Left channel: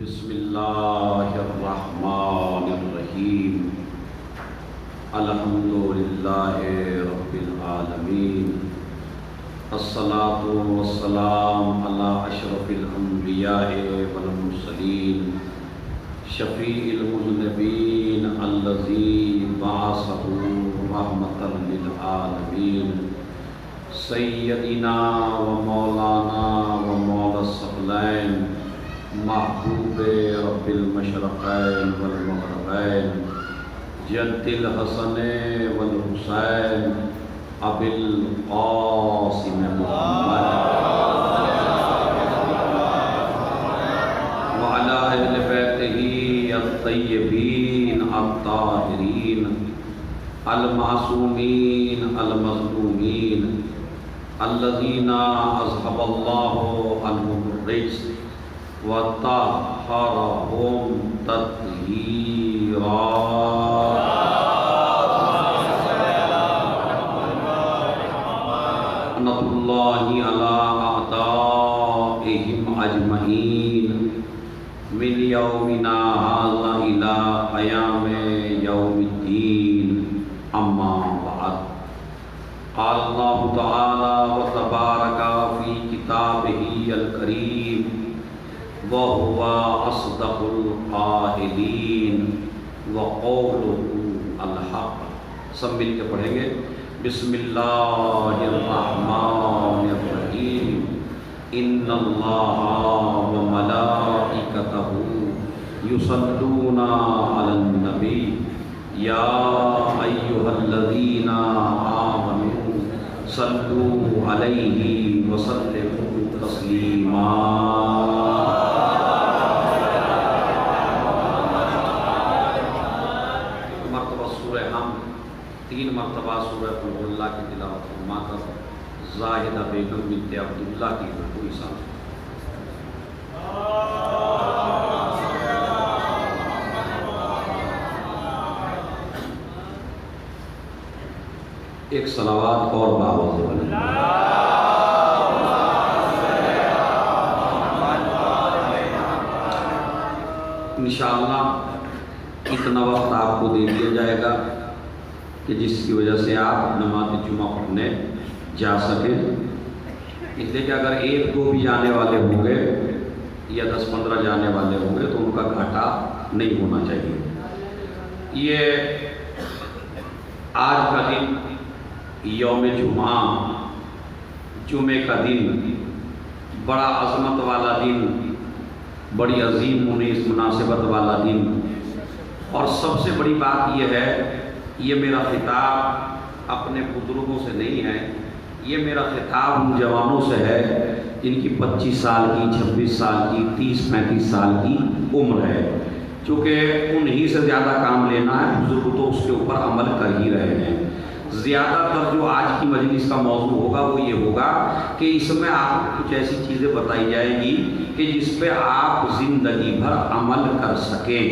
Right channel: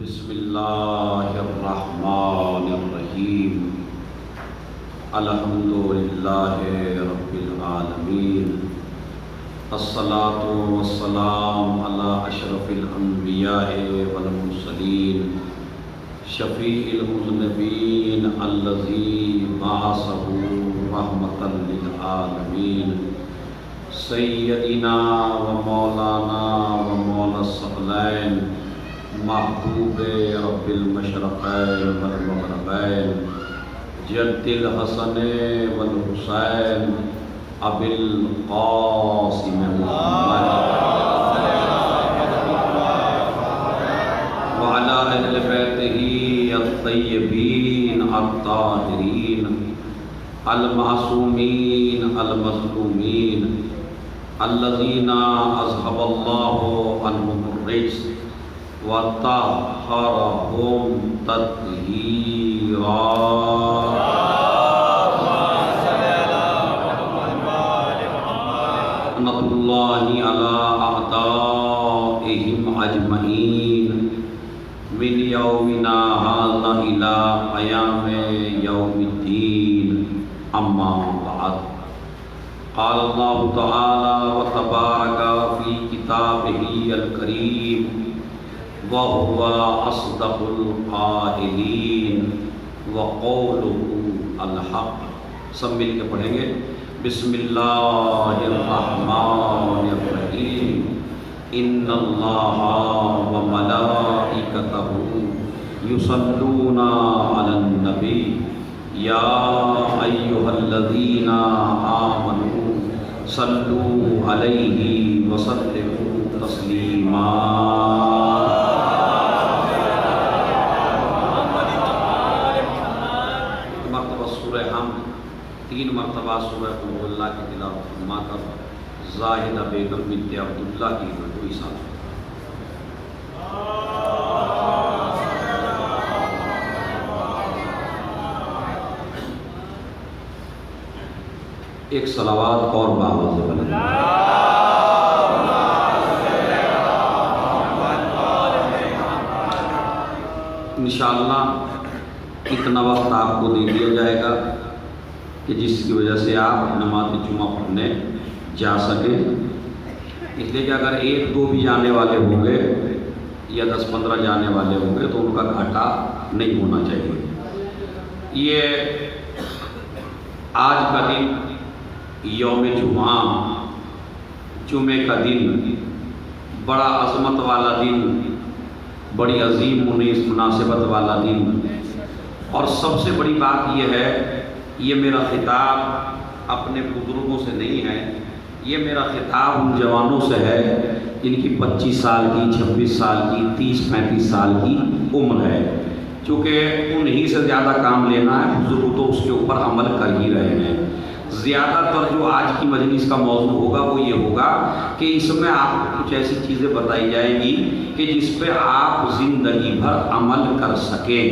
بسم اللہ الرحمن الرحیم الحمدللہ رب العالمین الصلاة والسلام علی اشرف الانبیاء والمرسلین شفیع المذنبین الذی بعثہ رحمۃ للعالمین سیدنا و مولانا و مولا الثقلین محبوب رب المشرقین والمغربین جد الحسن والحسین ابی القاسم محمد وعلی اہل بیتہ الطیبین الطاہرین المعصومین المظلومین الذین اذھب اللہ عنہم الرجس وَطَهَّرَهُمْ تَطْهِيرًا رحمة الله على أعدائهم أجمعين من يومنا هذا إلى قيام يوم الدين أما بعد قال الله تعالى وتبارك في كتابه الكريم وَهُوَ أَصْدَقُ الْقَائِلِينَ وَقَوْلُهُ الْحَقُّ. سب مل کے پڑھیں گے. بسم اللہ الرحمن الرحیم. ان اللہ وملائکتہ یصلون علی النبی یا ایھا الذین آمنوا صلوا علیہ وسلموا تسلیما. تین مرتبہ سورہ قل هو اللہ کی تلاوت فرما کر زاہدہ بیگم بنت عبداللہ کی رکوع صاف. ایک صلوات اور باواز بلند. انشاءاللہ اتنا وقت آپ کو دے دیا جائے گا کہ جس کی وجہ سے آپ نماز جمعہ پڑھنے جا سکیں. اس لیے کہ اگر ایک دو بھی جانے والے ہوں گے یا 10-15 جانے والے ہوں گے تو ان کا گھاٹا نہیں ہونا چاہیے. یہ آج کا دن یوم جمعہ، جمعے کا دن، بڑا عظمت والا دن، بڑی عظیم منیس مناسبت والا دن. اور سب سے بڑی بات یہ ہے، یہ میرا خطاب اپنے بزرگوں سے نہیں ہے، یہ میرا خطاب ان جوانوں سے ہے جن کی 25 سال کی، 26 سال کی، 30-35 سال کی عمر ہے. چونکہ انہی سے زیادہ کام لینا ہے، بزرگ تو اس کے اوپر عمل کر ہی رہے ہیں. زیادہ تر جو آج کی مجلس کا موضوع ہوگا وہ یہ ہوگا کہ اس میں آپ کو کچھ ایسی چیزیں بتائی جائیں گی کہ جس پہ آپ زندگی بھر عمل کر سکیں.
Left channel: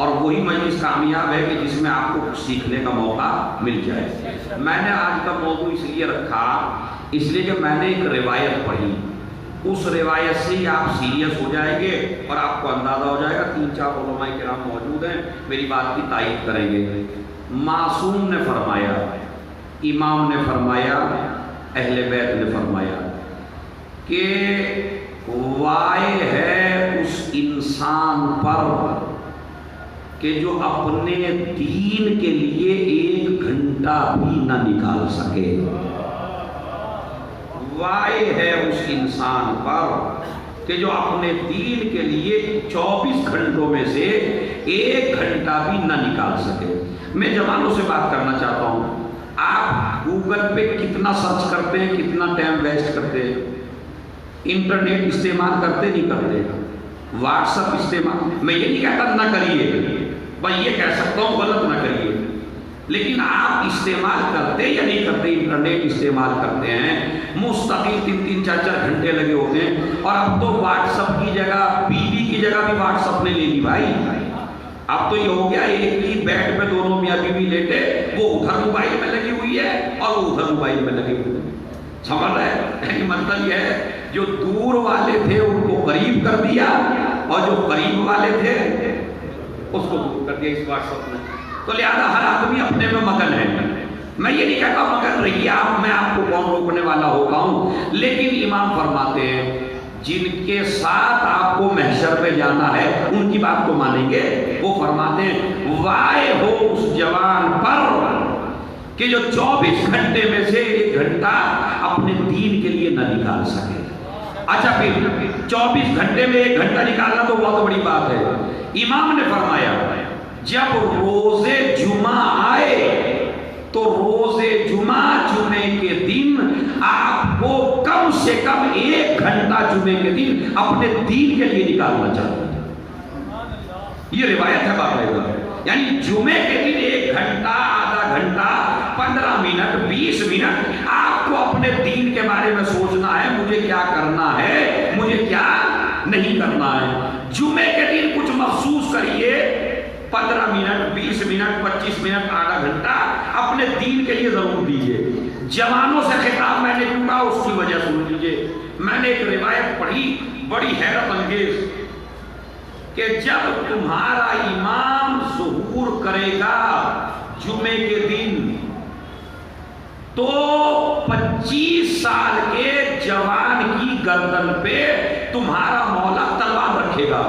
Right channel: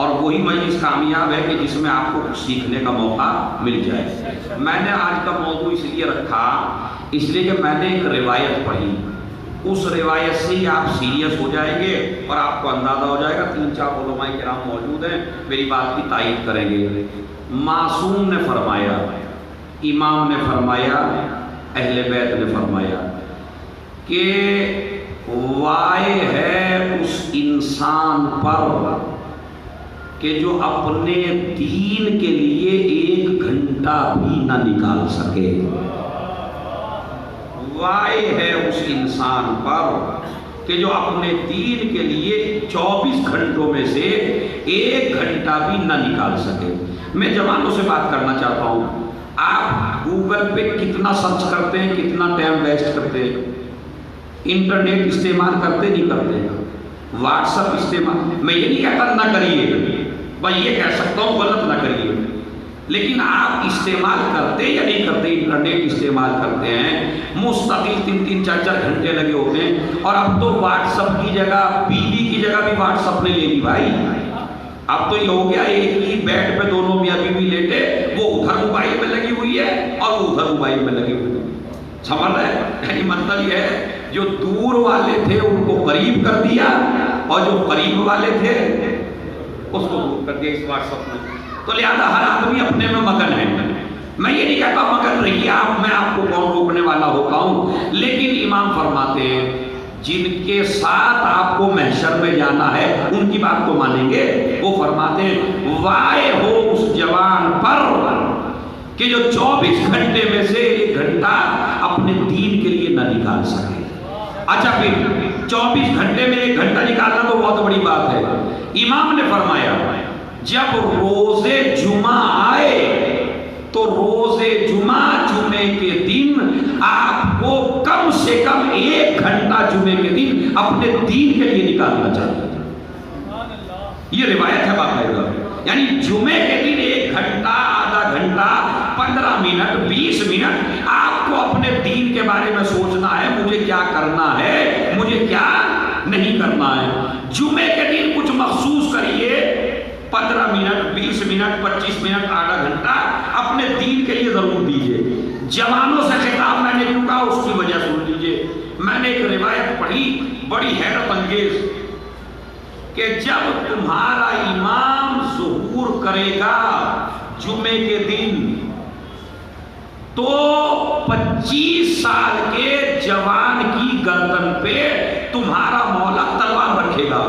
اور وہی مجلس کامیاب ہے کہ جس میں آپ کو کچھ سیکھنے کا موقع مل جائے. میں نے آج کا موضوع اس لیے رکھا، اس لیے کہ میں نے ایک روایت پڑھی. اس روایت سے ہی آپ سیریس ہو جائیں گے اور آپ کو اندازہ ہو جائے گا. 3-4 علماء کرام موجود ہیں، میری بات کی تائید کریں گے. معصوم نے فرمایا، امام نے فرمایا، اہل بیت نے فرمایا کہ وائے ہے اس انسان پر کہ جو اپنے دین کے لیے 1 گھنٹہ بھی نہ نکال سکے. وائے ہے اس انسان پر کہ جو اپنے دین کے لیے 24 گھنٹوں میں سے 1 گھنٹہ بھی نہ نکال سکے. میں جوانوں سے بات کرنا چاہتا ہوں، آپ گوگل پہ کتنا سرچ کرتے ہیں، کتنا ٹائم ویسٹ کرتے ہیں؟ انٹرنیٹ استعمال کرتے نہیں کرتے؟ واٹس ایپ استعمال، میں یہ نہیں کہتا نہ کریے، بھائی یہ کہہ سکتا ہوں غلط نہ کریے، لیکن آپ استعمال کرتے یا نہیں کرتے؟ انٹرنیٹ استعمال کرتے ہیں، مستقل 3-3 4-4 گھنٹے لگے ہوتے ہیں. اور اب تو واٹس ایپ کی جگہ، بیوی کی جگہ بھی واٹس ایپ نے لے لی بھائی. اب تو یہ ہو گیا ایک ہی بیڈ پہ دونوں میاں بیوی لیٹے، وہ ادھر موبائل میں لگی ہوئی ہے اور وہ ادھر موبائل میں لگی ہوئی ہے. سمجھ رہے ہیں؟ مطلب یہ ہے جو دور والے تھے ان کو قریب کر دیا اور جو قریب والے تھے اس کو دور کر دیا اس واٹس ایپ میں. تو لہٰذا ہر آدمی اپنے میں مگن ہے. میں یہ نہیں کہتا مگن رہیے آپ، میں آپ کو کون روکنے والا ہوتا ہوں، لیکن امام فرماتے ہیں جن کے ساتھ آپ کو محشر میں جانا ہے ان کی بات کو مانیں گے. وہ فرماتے ہیں وائے ہو اس جوان پر کہ جو 24 گھنٹے میں سے 1 گھنٹہ اپنے دین کے لیے نہ نکال سکے. اچھا پھر 24 گھنٹے میں 1 گھنٹہ نکالنا تو بہت بڑی بات ہے. امام نے فرمایا جب روز جمعہ آئے تو روز جمعے کے دن آپ کو کم سے کم 1 گھنٹہ جمعے کے دن اپنے دین کے لیے نکالنا چاہیے. یہ روایت ہے باقاعدہ. یعنی جمعے کے دن 1 گھنٹہ، آدھا گھنٹہ، 15 منٹ، 20 منٹ آپ کو اپنے دین کے بارے میں سوچنا ہے، مجھے کیا کرنا ہے، مجھے کیا نہیں کرنا ہے. جمعے کے دن کچھ مخصوص کریے، 15 منٹ، 20 منٹ، 25 منٹ، آدھا گھنٹہ اپنے دین کے لیے ضرور دیجیے. جوانوں سے خطاب میں نے کیوں کہا اس کی وجہ سن لیجیے. میں نے ایک روایت پڑھی بڑی حیرت انگیز کہ جب تمہارا امام ظہور کرے گا جمعے کے دن تو 25 سال کے جوان کی گردن پہ تمہارا مولا تلوار رکھے گا.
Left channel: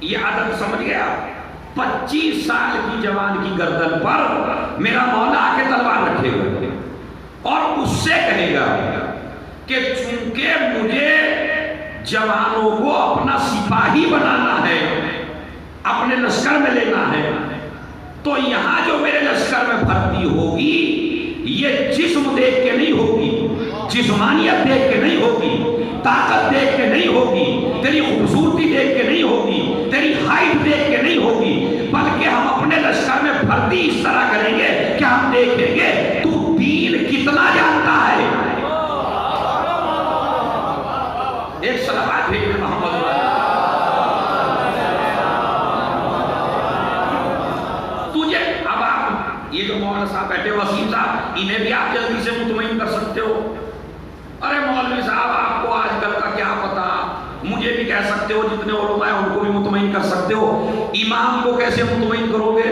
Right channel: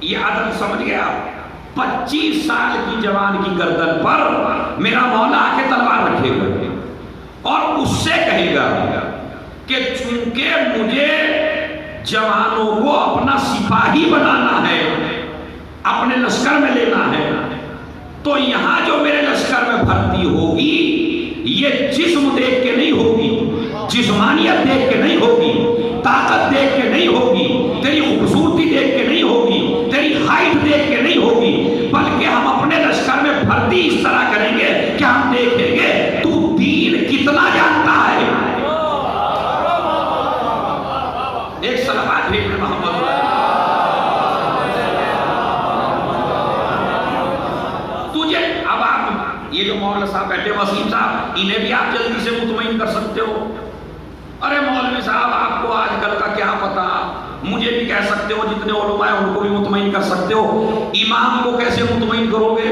یہ عدد سمجھ گیا؟ 25 سال کی جوان کی گردن پر میرا مولا آ کے تلوار رکھے گا اور اس سے کہے گا کہ چونکہ مجھے جوانوں کو اپنا سپاہی بنانا ہے، اپنے لشکر میں لینا ہے، تو یہاں جو میرے لشکر میں بھرتی ہوگی یہ جسم دیکھ کے نہیں ہوگی، جسمانیت دیکھ کے نہیں ہوگی، طاقت دیکھ کے نہیں ہوگی، تیری خوبصورتی دیکھ کے نہیں ہوگی، تیری ہائٹ دیکھ کے نہیں ہوگی، بلکہ ہم اپنے لشکر میں بھرتی اس طرح کریں گے کہ ہم دیکھیں گے تو دین کتنا جانتا ہے. ایک صلوات بھیجیں محمد. تجھے اب آپ یہ جو مولانا صاحب بیٹھے وسیم صاحب انہیں بھی آپ جلدی سے مطمئن کر سکتے ہو. ارے مولوی صاحب آپ کو آج کل کا کیا پتا، مجھے بھی کہہ سکتے ہو، جتنے علماء ہیں ان کو بھی مطمئن کر سکتے ہو. امام کو کیسے مطمئن کرو گے؟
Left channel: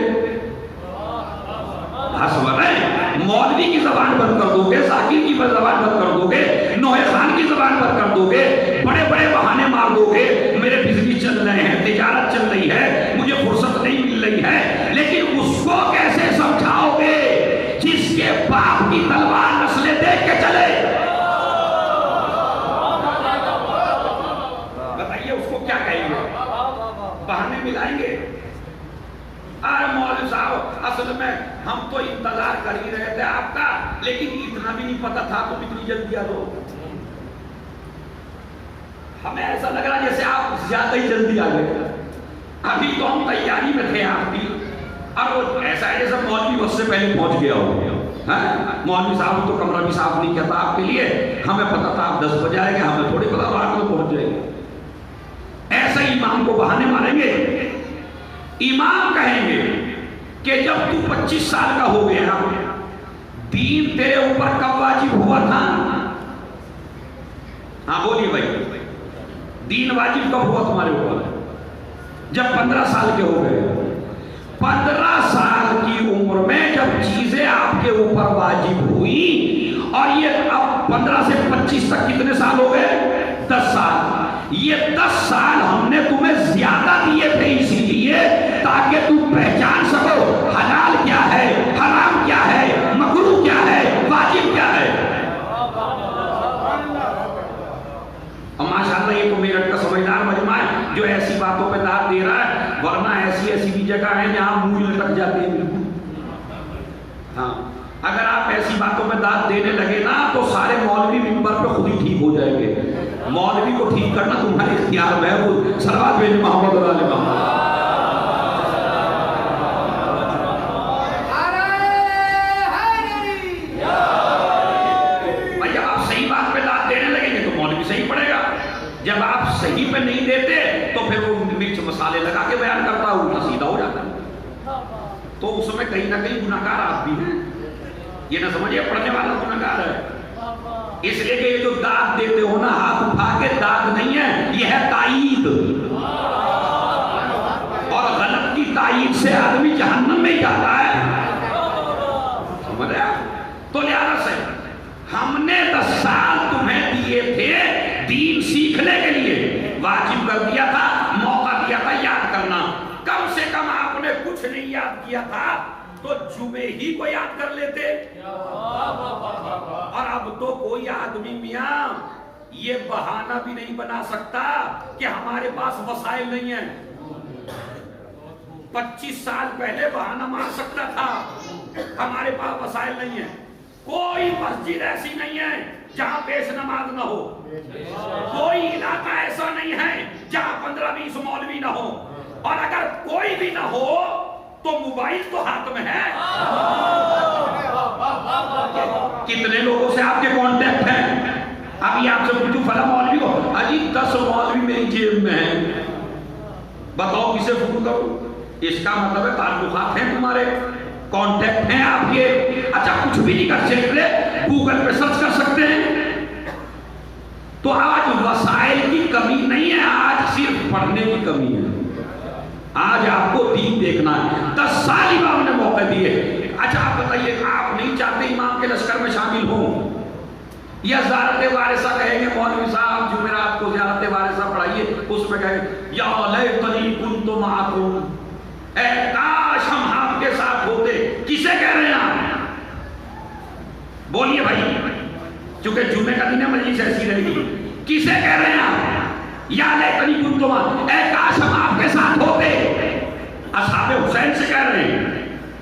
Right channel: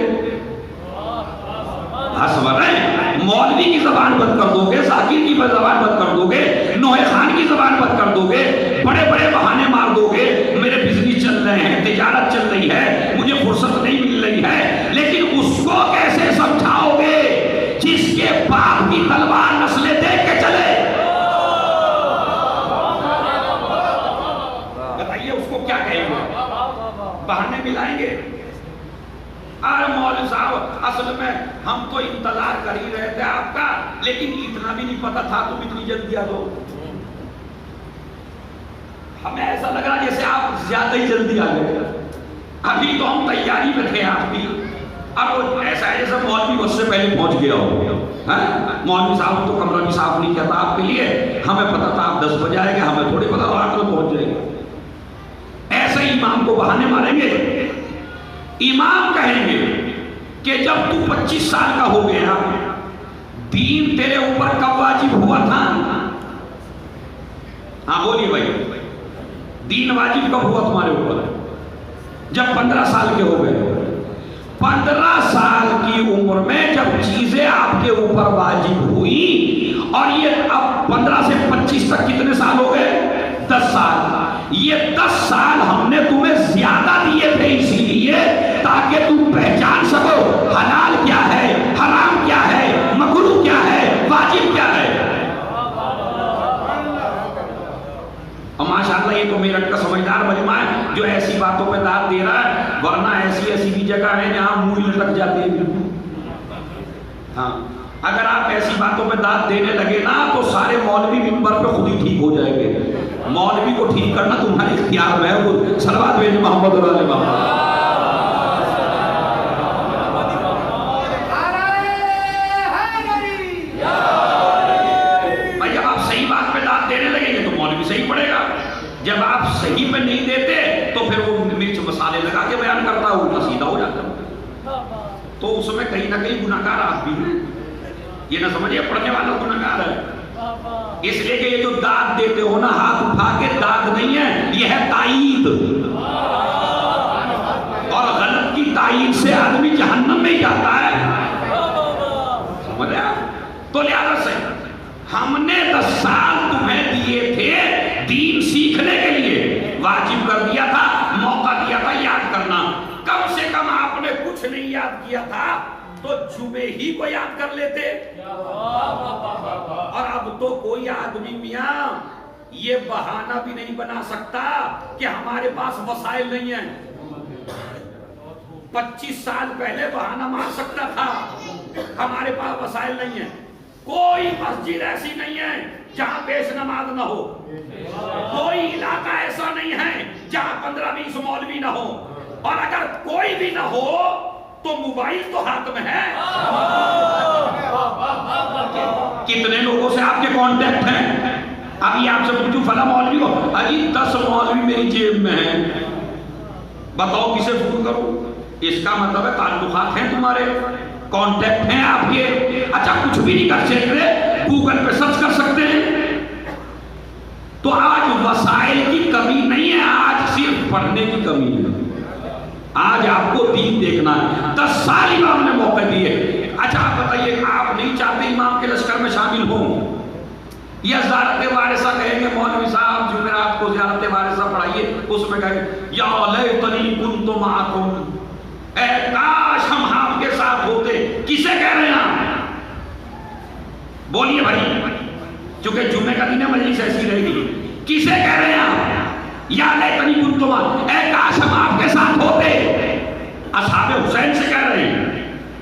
سمجھ رہے ہیں؟ مولوی کی زبان بند کر دو گے، ذاکر کی زبان بند کر دو گے، نوح خان کی زبان بند کر دو گے، بڑے بڑے بہانے مار دو گے، میرے بزنس چل رہے ہیں، تجارت چل رہی ہے، مجھے فرصت نہیں مل رہی ہے. لیکن اس کو کیسے سمجھاؤ گے جس کے باپ کی تلوار نسلیں دیکھ کے چلے؟ بتائیے اس کو کیا کہیں گے؟ بہانے ملائیں گے؟ ارے مولوی صاحب اصل میں ہم تو انتظار کر ہی رہے تھے آپ کا، لیکن اتنا بھی نہیں پتا تھا تم اتنی جلدی آ جاؤ. ہمیں ایسا لگ رہا جیسے آپ زیادہ ہی جلدی آ گئے. ابھی تو ہم تیاری میں تھے آپ کی. اب ایسا ہے جیسے مولوی اس سے پہلے پہنچ گیا ہو. مولوی صاحب تو کمرہ بھی صاف نہیں کیا تھا آپ کے لیے، ہمیں پتا تھا آپ 10 بجے آئے گے، ہمیں تھوڑی پتا 8 بجے پہنچ جائے گے. ایسے امام کو بہانے ماریں گے. امام کہیں گے کہ جب تو 25 سال کا ہو گیا، دین تیرے اوپر کب واجب ہوا تھا؟ ہاں بولیے بھائی، دین واجب کب ہوا تمہارے اوپر؟ جب 15 سال کے ہو گئے. 15 سال کی عمر میں جب چیزیں آپ کے اوپر واجب ہوئی، اور یہ اب 15 سے 25 تک کتنے سال ہو گئے؟ 10 سال. یہ 10 سال ہم نے تمہیں زیادہ دیے تھے اسی لیے تاکہ تم پہچان سکو حلال کیا ہے، حرام کیا ہے، مکروہ کیا ہے، واجب کیا ہے. اور ماشاءاللہ یہ تو میرٹھ کا سمجھدار مجمع ہے جو ایسی باتوں پہ داد دے رہا ہے، ورنہ ایسی بھی جگہ ہے جہاں منہ لٹک جاتے ہیں. ہاں اگر آپ ایسی باتوں پہ داد دینے لگے نا تو سارے مولوی منبر پہ خود ہی ٹھیک ہو جائیں گے. مولوی کو ٹھیک کرنا تمہارے اختیار میں ہے. وہ صلوات بھیجیں محمد اور آل محمد. بھائی جب آپ صحیح بات پہ داد دینے لگیں گے تو مولوی صحیح پڑے گا. جب آپ صحیح پہ نہیں دیتے تو پھر وہ مرچ مسالے لگا کے بیان کرتا ہوں سیدھا ہو جاتا ہوں. تو اس میں کہیں نہ کہیں گناہگار آپ بھی ہیں. یہ نہ سمجھیے پڑھنے والا گناہگار ہے. اس لیے کہ یہ جو داد دیتے ہو نا ہاتھ اٹھا کے، داد نہیں ہے، یہ ہے تائید، اور غلط کی تائید سے آدمی جہنم میں جاتا ہے، سمجھا؟ تو لہذا سے ہم نے 10 سال تمہیں دیے تھے دین سیکھنے کے لیے، واجب کر دیا تھا، موقع دیا تھا یاد کرنا، کم سے کم آپ نے کچھ نہیں یاد کیا تھا تو جمعے ہی کو یاد کر لیتے۔ اور اب تو کوئی آدمی میاں یہ بہانہ بھی نہیں بنا سکتا کہ ہمارے پاس وسائل نہیں ہیں۔ 25 سال پہلے بہانہ مار سکتا تھا ہمارے پاس وسائل نہیں ہیں۔ کوئی مسجد ایسی نہیں ہے جہاں پیش نماز نہ ہو، کوئی علاقہ ایسا نہیں ہے جہاں 15-20 مولوی نہ ہو، اور اگر کوئی بھی نہ ہو تو موبائل تو ہاتھ میں ہے۔ کتنے لوگوں سے آپ کے کانٹیکٹ ہیں؟ ابھی آپ سے پوچھو فلاں مولوی ہو، ابھی 10 مولوی میری جیب میں ہیں، بتاؤ کسے فون کروں؟ اس کا مطلب ہے تعلقات ہیں تمہارے، کانٹیکٹ ہیں آپ کے۔ اچھا کچھ بھی نہیں کر سکتے، گوگل پہ سرچ کر سکتے ہیں۔ تو آج وسائل کی کمی نہیں ہے، آج صرف پڑھنے کی کمی ہے۔ آج آپ کو دین دیکھنا ہے۔ 10 سال امام نے موقع دیے۔ اچھا آپ بتائیے، آپ نہیں چاہتے امام کے لشکر میں شامل ہوں؟ یا زیارت وارثہ کہیں گے مولوی صاحب جمعرات کو زیارت وارثہ پڑھائیے، اس میں کہیں یا لیتنی کنت معکم، اے کاش ہم آپ کے ساتھ ہوتے۔ کسے کہہ رہے ہیں آپ؟ بولیے بھائی، چونکہ جمعے کا دن ہے مجلس ایسی رہے گی۔ کسے کہہ رہے ہیں آپ؟ یا لیتنی کنت معکم، اے کاش ہم آپ کے ساتھ ہوتے۔ اصحاب حسین سے کہہ رہے ہیں،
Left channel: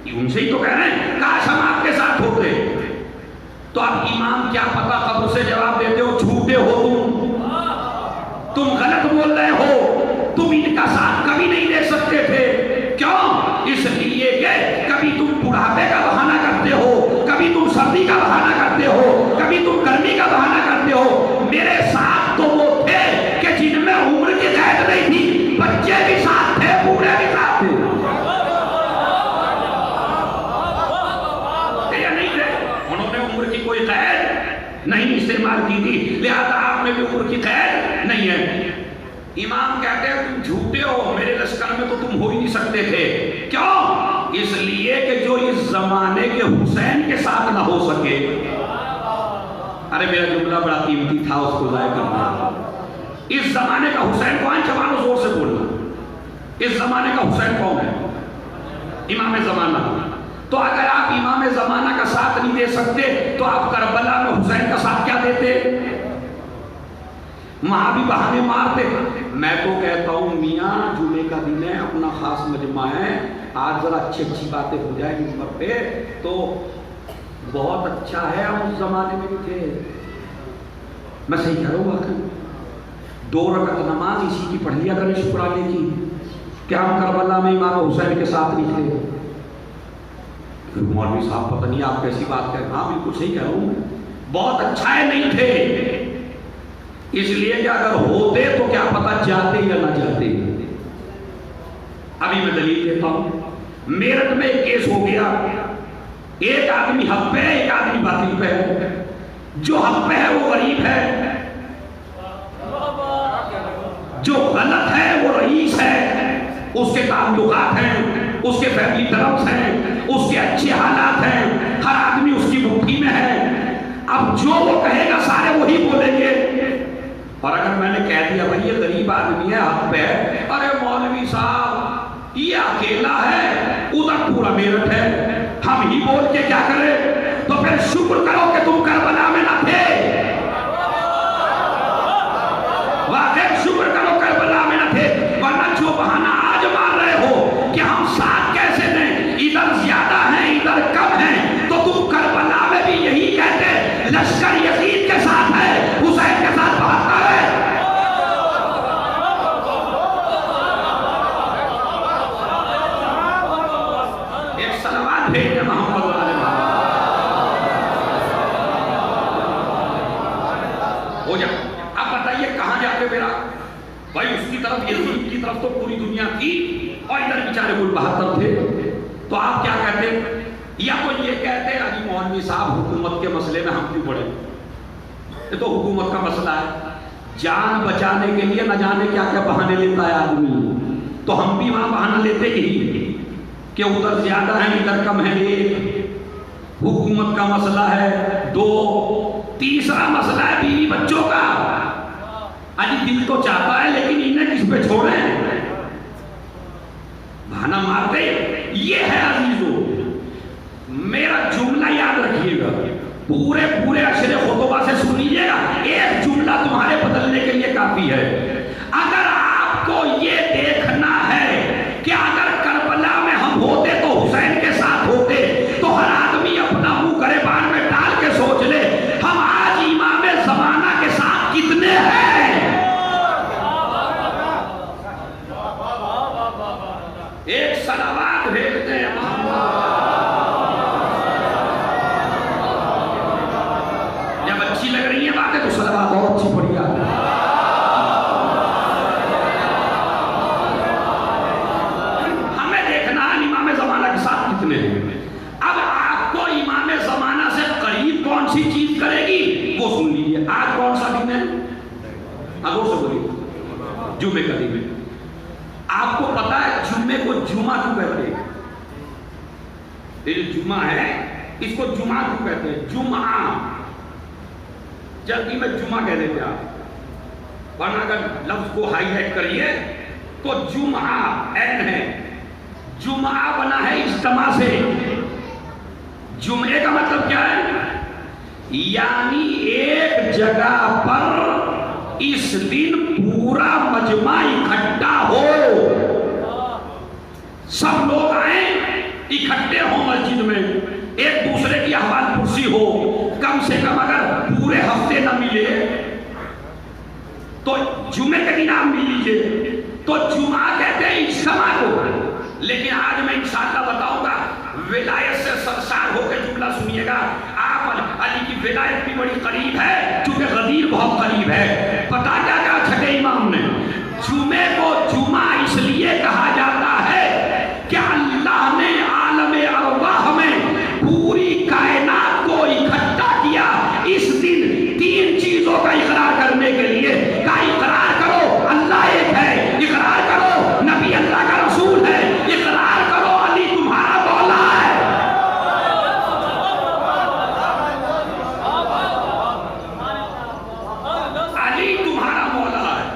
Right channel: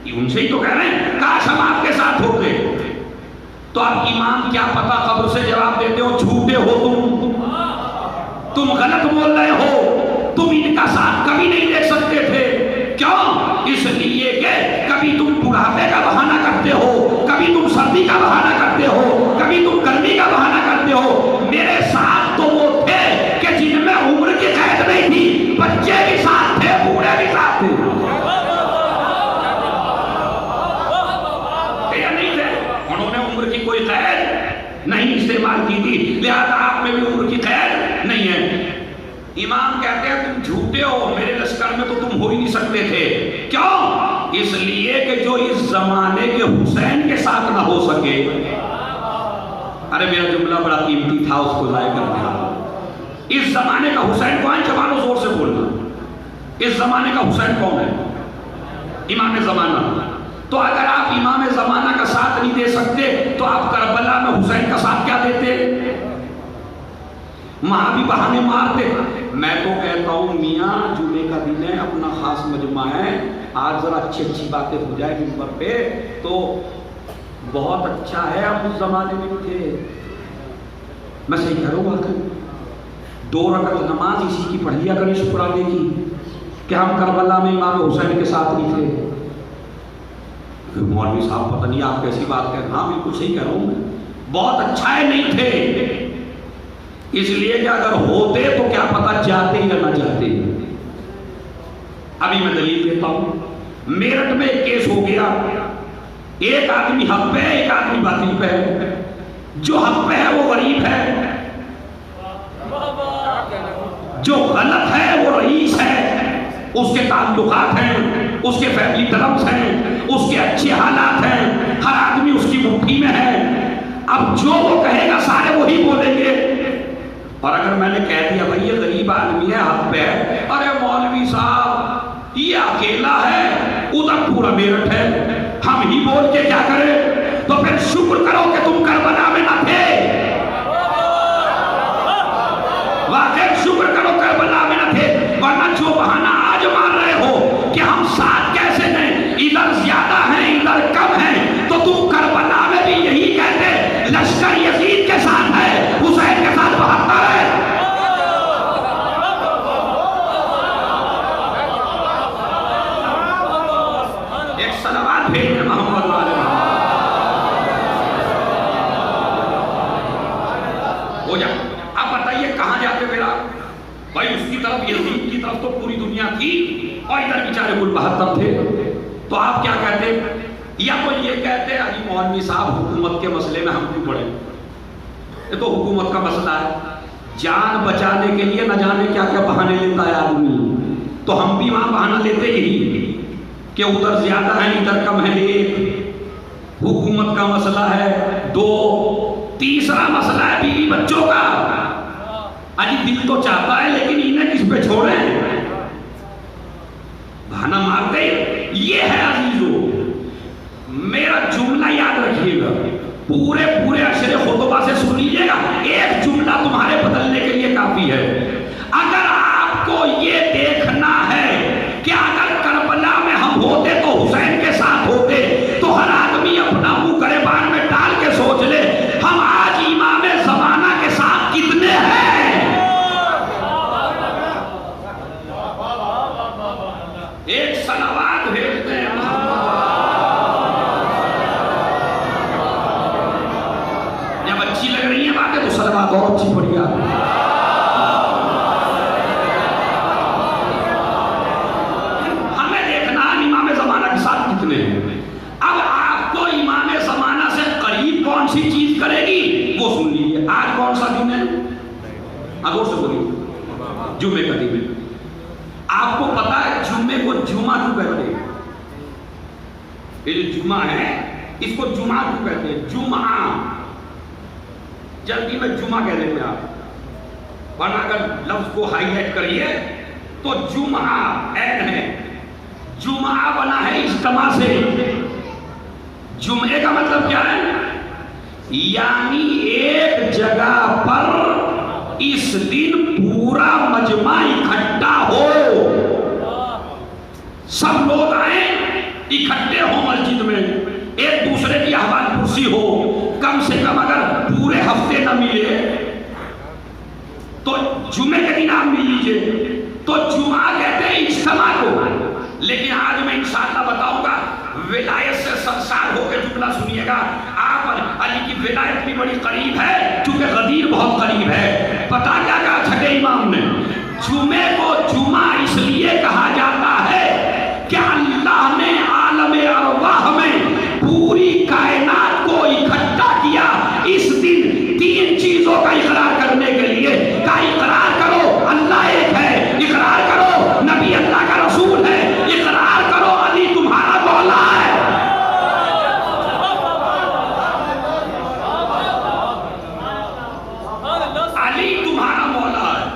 ان سے ہی تو کہہ رہے ہیں کاش ہم آپ کے ساتھ ہوتے۔ تو اب امام کیا پتا قبر سے جواب دیتے ہو جھوٹے ہو، تم غلط بول رہے ہو، تم ان کا ساتھ کبھی نہیں دے سکتے تھے۔ کیوں؟ اس لیے کہ کبھی تم بڑھاپے کا بہانہ کرتے ہو، کبھی تم سردی کا بہانہ کرتے ہو، کبھی تم گرمی کا بہانہ کرتے ہو۔ میرے ساتھ تو وہ تھے کہ جن میں عمر کی قید نہیں تھی، بچے بھی ساتھ تھے، بوڑھے بھی ساتھ تھے۔ عمر کی کوئی قید نہیں استعمال کی تھی، لہذا آپ میں بھی عمر کی قید نہیں ہے۔ امام کہتے ہیں تم جھوٹے ہو، میرے لشکر میں تو تم ہو ہی نہیں سکتے تھے۔ کیوں؟ اس لیے کہ جو اس زمانے کے حسین کے ساتھ نہ ہو سکے۔ ارے میرا جملہ بڑا قیمتی تھا، اس کو ضائع کر دیا۔ اس زمانے کا حسین کون؟ جوانوں زور سے بولنا، اس زمانے کا حسین کون ہے؟ امام زمانہ۔ تو اگر آپ امام زمانہ کا ساتھ نہیں دے سکتے تو آپ کربلا میں حسین کا ساتھ کیا دیتے؟ وہاں بھی بہانے مارتے۔ میں تو کہتا ہوں میاں جمعے کا دن ہے، اپنا خاص مجمع ہے، آج ذرا اچھی باتیں ہو جائیں منبر پہ تو بہت اچھا ہے۔ ہم اس زمانے میں تھے، میں صحیح کہہ رہا ہوں، واقعی 2 رکعت نماز اسی کی پڑھ لیا کریں شکرانے کی کہ ہم کربلا میں امام حسین کے ساتھ نہیں تھے۔ مولوی صاحب پتہ نہیں آپ کیسی بات کہہ رہے ہیں؟ ہاں بالکل صحیح کہہ رہا ہوں، بہت اچھا ہے نہیں تھے، اس لیے کہ اگر ہوتے تو کیا پتہ جاتے یا نہ جاتے۔ ابھی میں دلیل دیتا ہوں، میرٹھ میں ایک کیس ہو گیا، ایک آدمی حق پہ ہے، ایک آدمی باطل پہ ہے۔ جو حق پہ ہے وہ غریب ہے، جو غلط ہے وہ رئیس ہے، اس کے تعلقات ہیں، اس کے فیملی ٹرمز ہیں، اس کے اچھے حالات ہیں، ہر آدمی اس کی مٹھی میں ہے۔ اب جو وہ کہے گا سارے وہی بولیں گے۔ اور اگر میں نے کہہ دیا بھائی یہ غریب آدمی ہے حق پہ، ارے مولوی صاحب یہ اکیلا ہے، ادھر پورا میرٹھ ہے، ہم ہی بول کے کیا کریں؟ تو پھر شکر کرو کہ تم کربلا میں نہ تھے، واقعی شکر کرو کربلا میں نہ تھے، ورنہ جو بہانہ آج مان رہے ہو کہ ہم ساتھ کیسے ہیں، ادھر زیادہ ہیں ادھر کم ہیں، تو تم کربلا میں بھی یہی کہتے لشکر یزید کے ساتھ ہے، حسین کے ساتھ 72 ہے۔ ایک صلوات بھیجیں محمد والے ہو جا۔ اب بتائیے کہاں جاتے میرا بھائی؟ اس کی طرف یزید کی طرف تو پوری دنیا تھی اور ادھر بیچارے کل 72 تھے، تو آپ کیا کہتے؟ یا کوئی یہ کہتے علی مولوی صاحب حکومت کے مسئلے میں ہم کیوں پڑے؟ یہ تو حکومت کا مسئلہ ہے. جان بچانے کے لیے نہ جانے کیا کیا بہانے لیتا ہے آدمی. تو ہم بھی وہاں بہانہ لیتے ہی کہ ادھر زیادہ ہیں ادھر کم ہے. ایک حکومت کا مسئلہ ہے. دو تیسرا مسئلہ ہے بیوی بچوں کا. اجی دل تو چاہتا ہے لیکن انہیں کس پہ چھوڑیں, بہانہ مار دے. یہ ہے عزیزو, میرا جملہ یاد رکھیے گا, پورے اشرے خطبہ سے سن لیجیے گا. ایک جملہ تمہارے بدلنے کے لیے کافی ہے. اگر آپ کو یہ دیکھنا ہے کہ اگر کربلا میں ہم ہوتے تو حسین کے ساتھ ہوتے, تو ہر آدمی اپنا منہ گریبان میں ڈال کے سوچ لے ہم آج امام زمانہ کے ساتھ کتنے ہیں. ایک صلوات بھیج دیں جب اچھی لگ رہی ہے باتیں تو صلوات اور اچھی پڑی آ. ہمیں دیکھنا ہے امام زمانہ کے ساتھ کتنے ہیں. اب آپ کو امام زمانہ سے قریب کون سی چیز کرے گی وہ سن لیجیے. آج کون سا دن ہے؟ اگور سے بولیے. جمعے کا دن. آپ کو پتا ہے جمعے کو جمعہ کیوں کہتے ہیں؟ یہ جو جمعہ ہے اس کو جمعہ کیوں کہتے ہیں؟ جمعہ جلدی میں جمعہ کہہ دیتے آپ, ورنہ اگر لفظ کو ہائی لائٹ کریے تو جمعہ این ہے. جمعہ بنا ہے اجتماع سے. جمعے کا مطلب کیا ہے؟ یعنی ایک جگہ پر اس دن پورا مجمع اکٹھا ہو, سب لوگ آئیں اکٹھے ہوں مسجد میں, ایک دوسرے کی احوال پرسی ہو, کم سے کم اگر پورے ہفتے نہ ملے تو جمعے کے دن آپ مل لیجئے. تو جمعہ کہتے ہیں اجتماع کو. لیکن آج میں انشاءاللہ بتاؤں گا, ولایت سے سرشار ہو کے جملہ سنیے گا. آپ علی کی ولایت بھی بڑی قریب ہے کیونکہ غدیر بہت قریب ہے. پتا کیا کہا چھٹے امام نے؟ جمعے کو جمعہ اس لیے کہا جاتا ہے کہ اللہ نے عالم ارواح میں پوری کائنات کو اکٹھا کیا اس دن تین چیزوں کا اقرار کرنے کے لیے. کا اقرار کرو اللہ ایک ہے, اقرار کرو نبی اللہ کا رسول ہے, اقرار کرو علی تمہارا مولا ہے. علی تمہارا مولا ہے.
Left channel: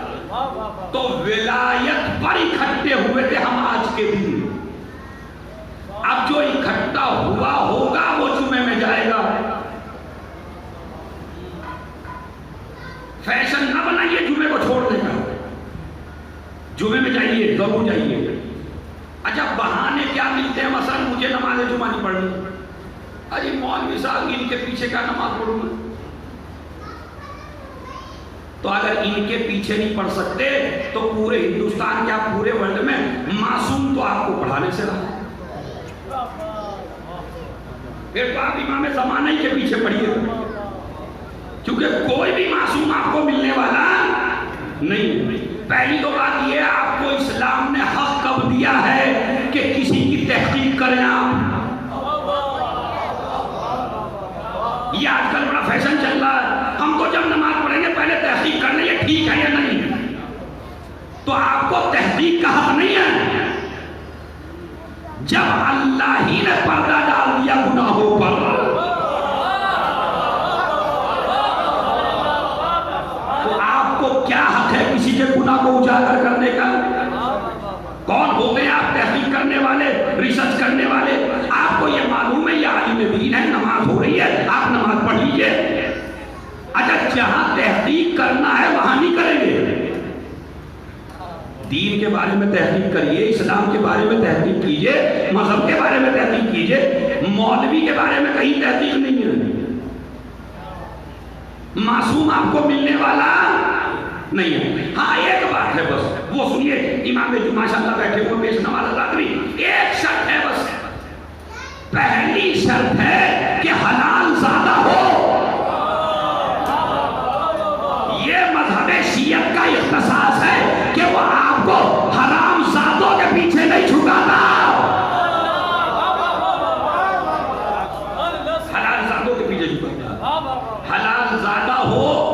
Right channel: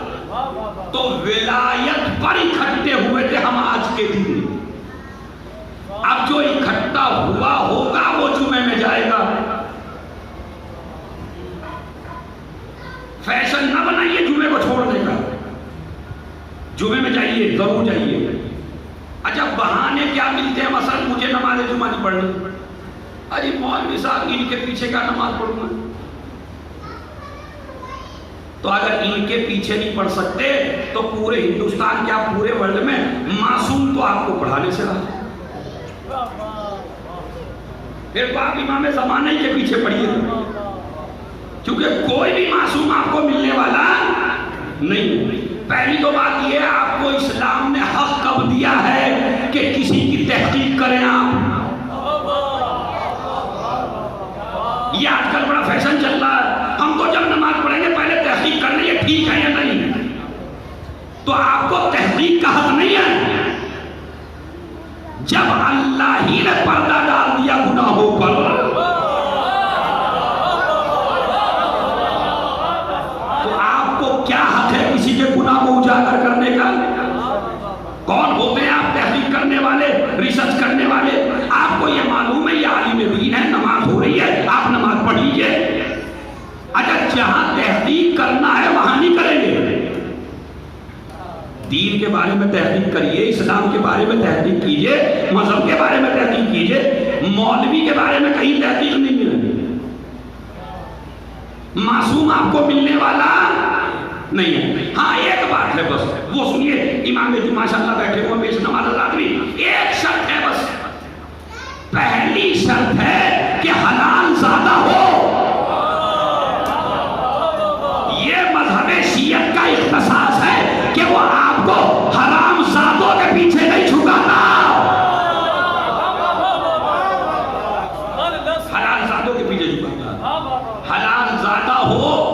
تو ولایت پر اکٹھے ہوئے تھے ہم آج کے دن. اب جو اکٹھا ہوا ہوگا وہ جمعے میں جائے گا. فیشن نہ بنائیے جمعے کو چھوڑنے کا. جمعے میں جائیے, ضرور جائیے. اچھا بہانے کیا ملتے ہیں؟ مثلا مجھے نماز جمعہ نہیں پڑھنی, ارے مولوی صاحب ان کے پیچھے کیا نماز پڑھوں گا؟ تو اگر ان کے پیچھے نہیں پڑھ سکتے تو پورے ہندوستان کے, آپ پورے ورلڈ میں معصوم تو آپ کو پڑھانے سے رہا. پھر تو آپ امام زمانہ ہی کے پیچھے پڑھیے گا, کیونکہ کوئی بھی معصوم آپ کو ملنے والا نہیں. پہلی تو بات یہ ہے, آپ کو اسلام نے حق کب دیا ہے کہ کسی کی تحقیق کریں آپ. یہ آج کل بڑا فیشن چل رہا ہے, ہم تو جب نماز پڑھیں گے پہلے تحقیق کر لیں یہ ٹھیک ہے یا نہیں. تو آپ کو تحقیق کا حق نہیں ہے. جب اللہ ہی نے پردہ ڈال دیا گناہوں پر, تو آپ کو کیا حق ہے کسی کے گناہ کو اجاگر کرنے کا؟ کون ہوتے ہیں آپ تحقیق کرنے والے, ریسرچ کرنے والے؟ آپ کو یہ معلوم ہے یہ عالم دین ہے, نماز ہو رہی ہے, آپ نماز پڑھ لیجیے. اگر جہاں تحقیق کرنا ہے وہاں نہیں کریں گے. دین کے بارے میں تحقیق کریے, اسلام کے بارے میں تحقیق کیجیے, مذہب کے بارے میں تحقیق کیجیے. مولوی کے بارے میں کہیں تحقیق نہیں ہے. معصوم آپ کو ملنے والا نہیں ہے. ہاں ایک بات ہے بس, وہ سنیے. امام جی ماشاءاللہ بیٹھے ہوئے بیش نواز آدمی. ایک شرط ہے بس, پہلی شرط ہے کہ حلال زادہ ہو. یہ مذہب شیعت کا اختصاص ہے کہ وہ آپ کو حرام زادوں کے پیچھے نہیں چھکاتا. حلال زادوں کے پیچھے چھکاتا. حلال زادہ ہو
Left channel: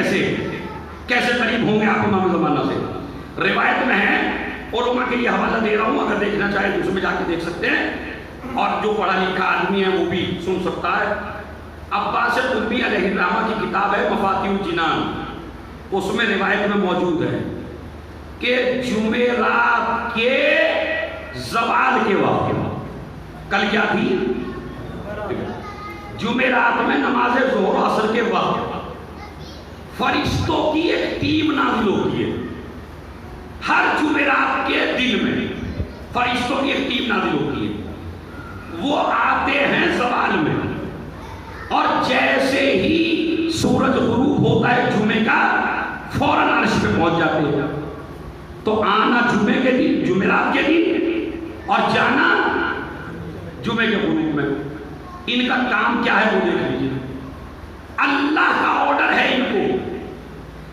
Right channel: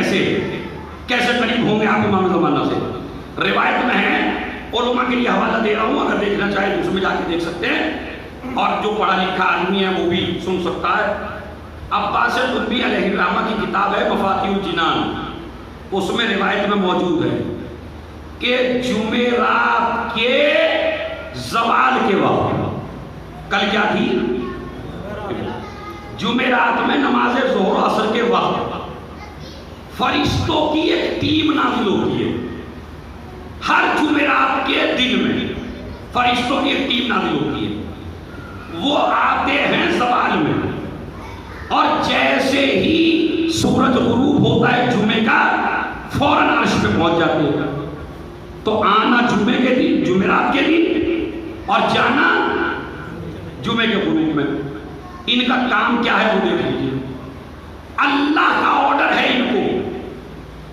کیسے قریب ہوں گے آپ امام زمانہ سے؟ روایت میں ہے، علماء کے لیے حوالہ دے رہا ہوں، اگر دیکھنا چاہے تو اس میں جا کے دیکھ سکتے ہیں، اور جو پڑھا لکھا آدمی ہے وہ بھی سن سکتا ہے۔ عباس قطبی علیہ الرحمہ کی کتاب ہے مفاتیح الجنان، اس میں روایت میں موجود ہے کہ جمعرات کے زوال کے وقت، کل کیا تھی؟ جمعرات میں نماز ظہر عصر کے وقت فرشتوں کی ایک ٹیم نازل ہوتی ہے۔ ہر جمعرات کے دن میں فرشتوں کی ایک ٹیم نازل ہوتی ہے، وہ آتے ہیں زوال میں، اور جیسے ہی سورج غروب ہوتا ہے جمعے کا فوراً عرش پہ پہنچ جاتے ہیں۔ تو آنا جمعے کے دن، جمعرات کے دن، اور جانا جمعے کے غروب میں۔ ان کا کام کیا ہے وہ دیکھ لیجیے۔ اللہ کا آرڈر ہے ان کو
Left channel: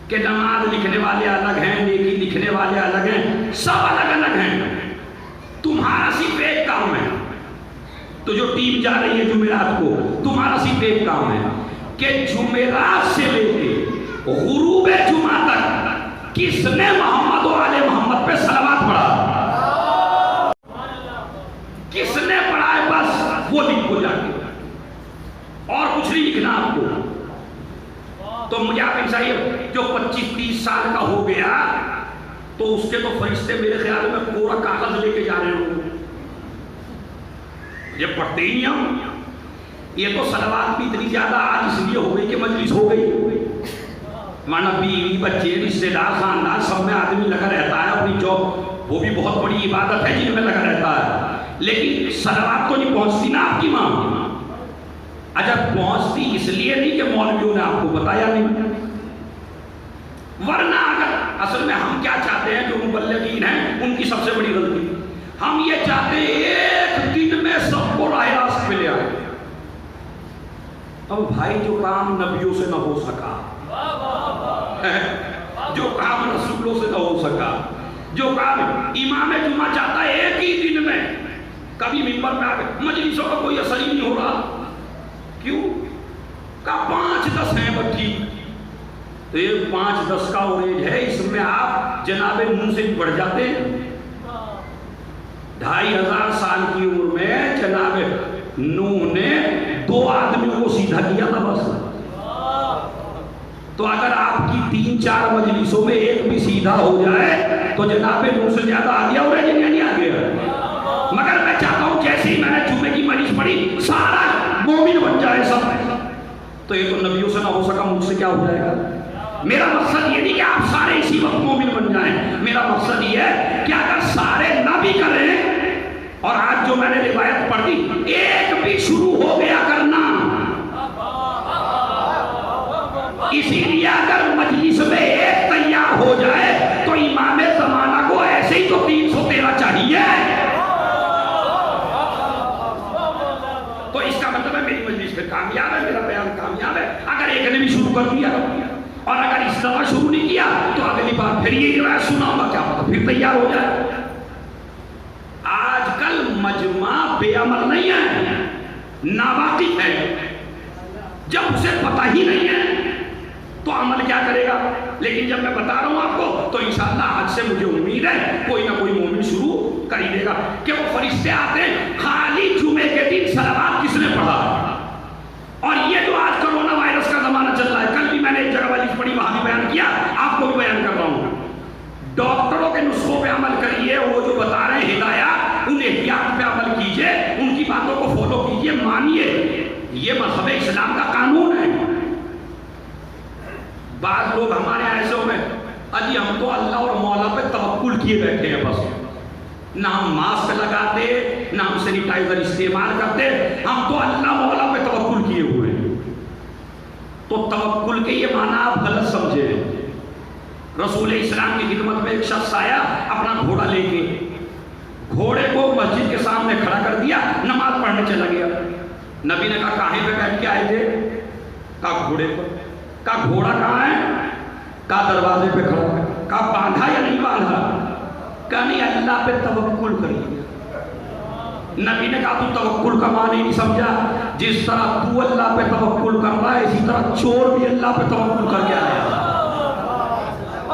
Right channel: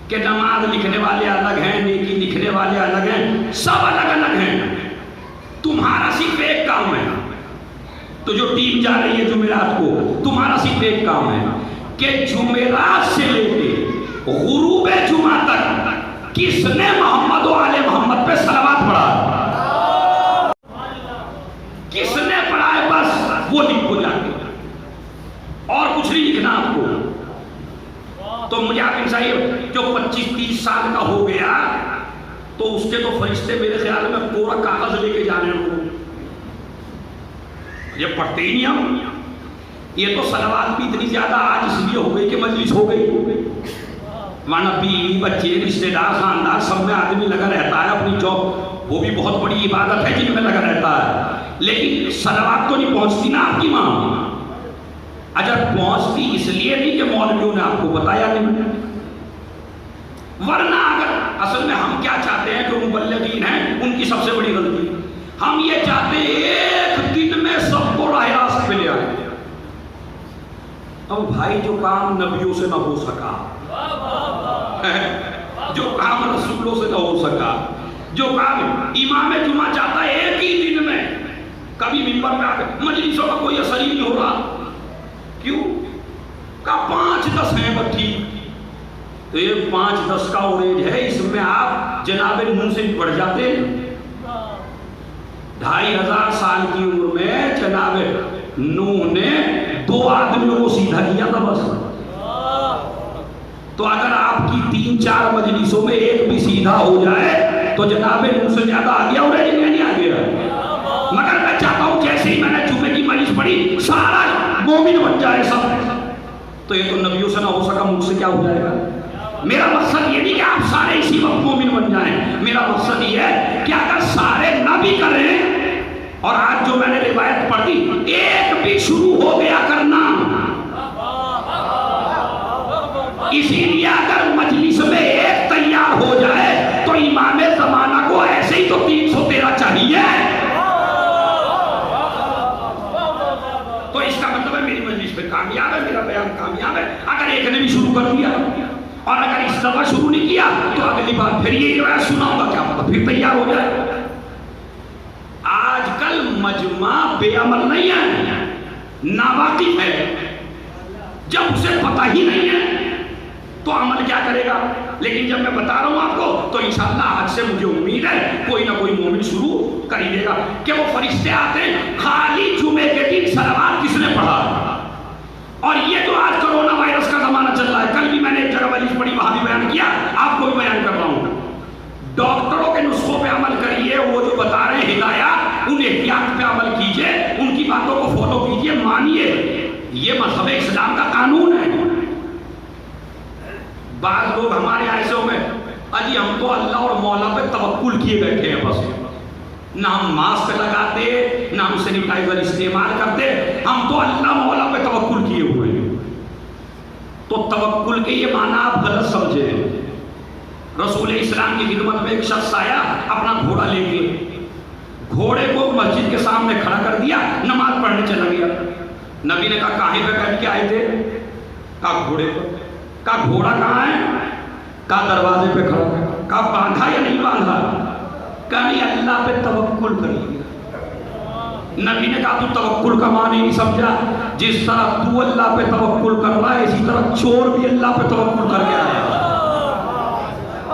کہ نماز لکھنے والے الگ ہیں، نیکی لکھنے والے الگ ہیں، سب الگ الگ ہیں، تمہارا صرف ایک کام ہے۔ تو جو ٹیم جا رہی ہے جمعرات کو، تمہارا صرف ایک کام ہے کہ جمعرات سے لے کے غروب جمعہ تک کس نے محمد و آل محمد پہ صلوات پڑھا، کس نے پڑھا ہے، بس وہ لکھو جا کے، اور کچھ نہیں لکھنا آپ کو۔ تو مجھے آپ ان چاہیے جو 25-30 سال کا ہو گیا تو اس کے تو فرشتے میرے خیال میں پورا کاغذ لے کے جا رہے ہوں، یہ پڑھتے ہی نہیں ہم۔ یہ تو صلوات بھی اتنی زیادہ آج اس لیے ہو گئی کہ مجلس ہو گئی، ورنہ بیوی بچے رشتے دار خاندان سب میں آدمی لگا رہتا ہے اپنی جاب، وہ بھی بہت بڑی عبادت ہے جن میں لگا رہتا ہے، لیکن صلوات تو نہیں پہنچتی نا آپ کی ماں۔ اچھا پہنچتی اس لیے نہیں کہ مولویوں نے آپ کو بتایا نہیں، ورنہ اگر اصل میں ہم کیا چاہتے ہیں، جو مبلغین ہیں ان کی سب سے بڑی غلطی، ہم یہ چاہتے ہیں ایک دن میں سب کو راہ راست پہ لے آئے۔ اب بھائی جو کام نبیوں سے نہ ہو سکا، جو کام رسولوں سے نہ ہو سکا، جو کام امام جمعہ چاہتا ہے ایک ہی دن میں، کبھی منبر میں آ کے مجلسوں کا کوئی اثر ہی نہیں ہو رہا، کیوں؟ کا 5-10 ہیں بچی، تو یہ 5-10 کا اوریج ہے، اس میں آپ جناب منہ سے پڑ جاتے ہیں۔ 2500 سال کی عمر میں جناب نوح نے 2 آدمیوں کو سیدھا کیا تھا بس۔ تو اگر آپ کی 3-4 مجلسوں میں ایک بھی سیدھا ہو جائے تو جناب نوح سے زیادہ آ گیا، اور نہیں آ گیا۔ مگر میں چاہتا ہوں جیسے ہی میں نے جمعے کی مجلس پڑھی سارا مومن بن جائے سب، تو یہ تو نبیوں سے نہ ہو سکا، مجھ سے کیا ہو جائے گا؟ میرا مقصد یہ نہیں کہ آپ سارے اسی وقت مومن بن جائیں، میرا مقصد یہ ہے کہ اگر سارے نہ بھی کریں، اور آج جو میں نے روایت پڑھ دی ایک بھی شروع ہو گیا کرنا، اسی لیے اگر مجلس میں ایک تیار ہو جائے تو امام زمانہ کو ایسے ہی تو 313 چاہیے۔ تو اس کا مطلب ہے میری مجلس پہ کامیاب ہے، میرا بیان کامیاب ہے اگر ایک نے بھی شروع کر دیا، اور اگر اس دفعہ شروع نہیں کیا تو اگلی بار پھر یہ روایت سناؤں گا، کیا پتہ پھر تیار ہو جائے۔ آج کل مجمع بے عمل نہیں ہے، ناواقف ہے، جب اسے پتہ ہی نہیں ہے تو عمل کیا کرے گا؟ لیکن جب میں بتا رہا ہوں آپ کو تو انشاءاللہ آج سے مجھے امید ہے کوئی نہ کوئی مومن شروع کر ہی دے گا، کہ وہ فرشتے آتے ہیں خالی جمعے کے دن صلوات کس نے پڑھا۔ اور یہ جو آج کرونا وائرس کا زمانہ چل رہا ہے، کل بھی میں نے ایک جگہ مجلس پڑھی وہاں بھی بیان کیا، آپ کو بھی بیان کر رہا ہوں، ڈاکٹروں کے نسخوں پہ عمل کریے، وہ جو بتا رہے ہیں ہدایات ان احتیاط پہ عمل کیجئے، ان کی باتوں کو فالو کیجئے، مانیے، یہ مذہب اسلام کا قانون ہے۔ بعض لوگ ہمارے ایسے ہو میں اجی ہم تو اللہ اور مولا پہ توکل کیے بیٹھے ہیں، بس نہ ہم ماسک لگاتے نہ ہم سینیٹائزر استعمال کرتے، ہم تو اللہ مولا پہ توکل کیے ہوئے ہیں۔ تو توکل کے یہ معنی آپ غلط سمجھے ہیں۔ رسول اسلام کی خدمت میں ایک شخص آیا اپنا گھوڑا لے کے، گھوڑے کو مسجد کے سامنے کھڑا کر دیا، نماز پڑھنے چلا گیا۔ نبی نے کہا کاہے پہ بیٹھ کے آئے تھے؟ کہا گھوڑے پر۔ کہا گھوڑا کہاں ہے؟ کہا دروازے پہ کھڑا ہے۔ کہا باندھا یا نہیں باندھا؟ کہا نہیں، اللہ پہ توکل کریے۔ نبی نے کہا تو توکل کا معنی نہیں سمجھا، جس طرح تو اللہ پہ توکل کر رہا ہے اسی طرح چور بھی اللہ پہ توکل کر کے آیا۔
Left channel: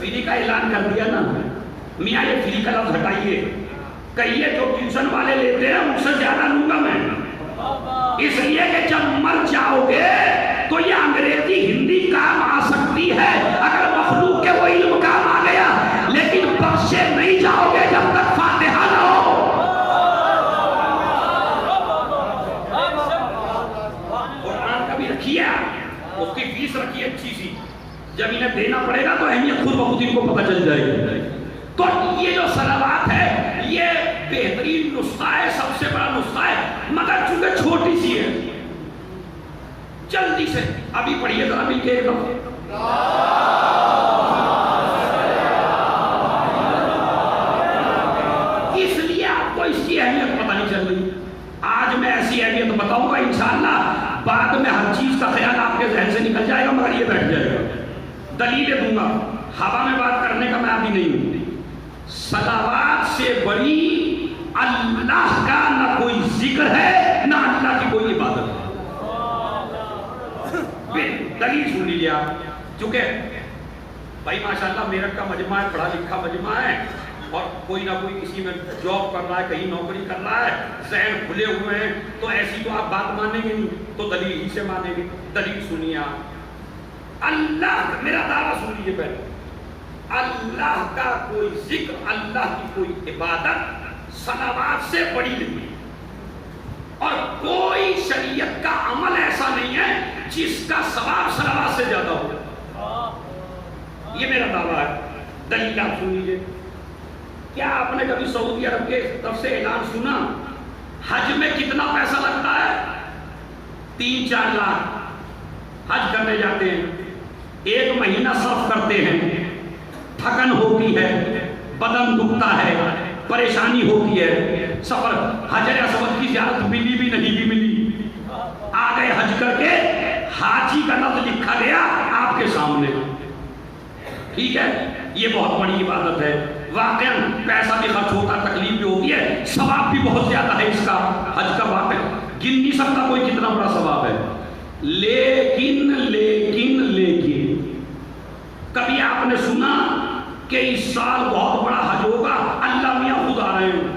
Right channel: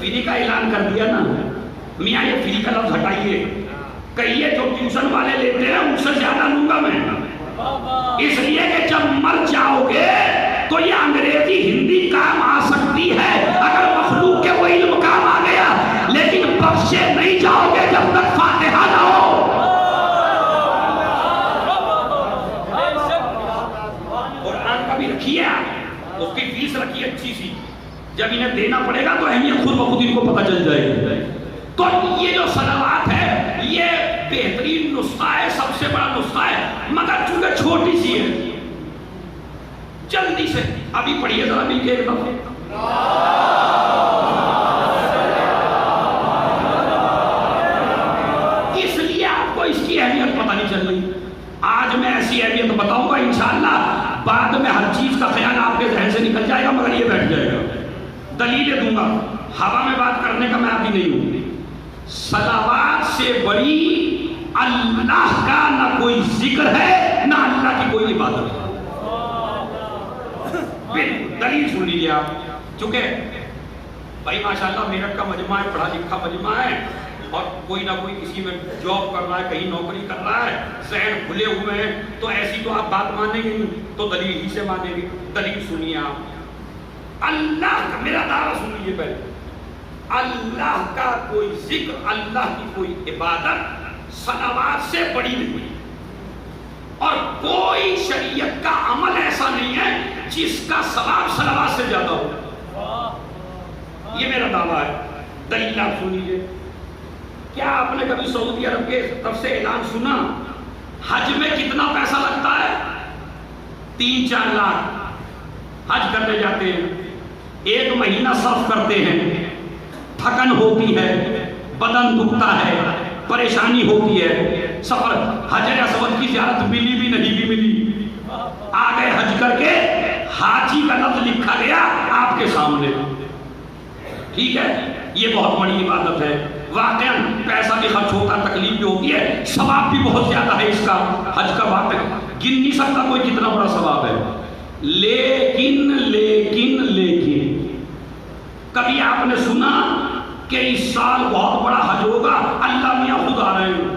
فری کا اعلان کر دیا نا، میاں یہ فری کا لفظ ہٹائیے، کہیے جو ٹیوشن والے لیتے ہیں ان سے زیادہ لوں گا میں، اس لیے کہ جب مر جاؤ گے تو یہ انگریزی ہندی کام آ سکتی ہے اگر مخلوق کے وہ علم کام آ گیا، لیکن بخشے نہیں جاؤ گے جب تک فاتحہ نہ ہو۔ قرآن کا بھی رکھیے، اس کی فیس رکھیے اچھی سی، جب انہیں دینا پڑے گا تو اہمیت خود بخود ان کو پتہ چل جائے گی۔ تو یہ جو صلوات ہے یہ بہترین نسخہ ہے، سب سے بڑا نسخہ ہے، مگر چونکہ چھوٹی سی ہے، جلدی سے ابھی پڑھیے ذرا مل کے ایک دفعہ۔ اس لیے آپ کو اس کی اہمیت پتہ نہیں چل رہی، آج میں ایسی اہمیت بتاؤں گا انشاءاللہ، بعد میں ہر چیز کا خیال آپ کے ذہن سے نکل جائے گا مگر یہ بیٹھ جائے گا، دلیلیں دوں گا، ہوا میں بات کرنے کا میں ابھی نہیں ہوں۔ صلوات سے بڑی اللہ کا نہ کوئی ذکر ہے نہ اللہ کی کوئی عبادت ہے، دلیل سن لیجیے آپ، چونکہ بھائی ماشاءاللہ میرٹھ کا مجمع ہے، پڑھا لکھا مجمع ہے، اور کوئی نہ کوئی کسی میں جاب کر رہا ہے، کہیں نوکری کر رہا ہے، ذہن کھلے ہوئے ہیں، تو ایسی تو آپ بات مانیں گے نہیں، تو دلیل ہی سے مانیں گے۔ دلیل سنیے آپ، اللہ، میرا دعویٰ سن لیجیے پہلے، اللہ کا کوئی ذکر، اللہ کی کوئی عبادت صلوات سے بڑی نہیں ہے، اور کوئی شریعت کا عمل ایسا نہیں ہے جس کا ثواب صلوات سے زیادہ ہو، یہ میرا دعویٰ ہے۔ دلیل آپ سن لیجیے، کیا آپ نے کبھی سعودی عرب کے طرف سے اعلان سنا حج میں کتنا پیسہ لگتا ہے؟ 3-4 لاکھ حج کرنے جاتے ہیں، 1 مہینہ صرف کرتے ہیں، تھکن ہوتی ہے، بدن دکھتا ہے، پریشانی ہوتی ہے، سفر حجر اسود کی زیارت ملی بھی نہیں بھی ملی، آ گئے حج کر کے، حاجی کا لفظ لکھا گیا آپ کے سامنے، ٹھیک ہے، یہ بہت بڑی عبادت ہے، واقعاً پیسہ بھی خرچ ہوتا ہے، تکلیف بھی ہوتی ہے، ثواب بھی بہت زیادہ ہے اس کا، حج کا بات ہے، گن نہیں سکتا کوئی کتنا بڑا ثواب ہے، لیکن کبھی آپ نے سنا کہ اس سال بہت بڑا حج ہوگا، اللہ میاں خود آ رہے ہیں،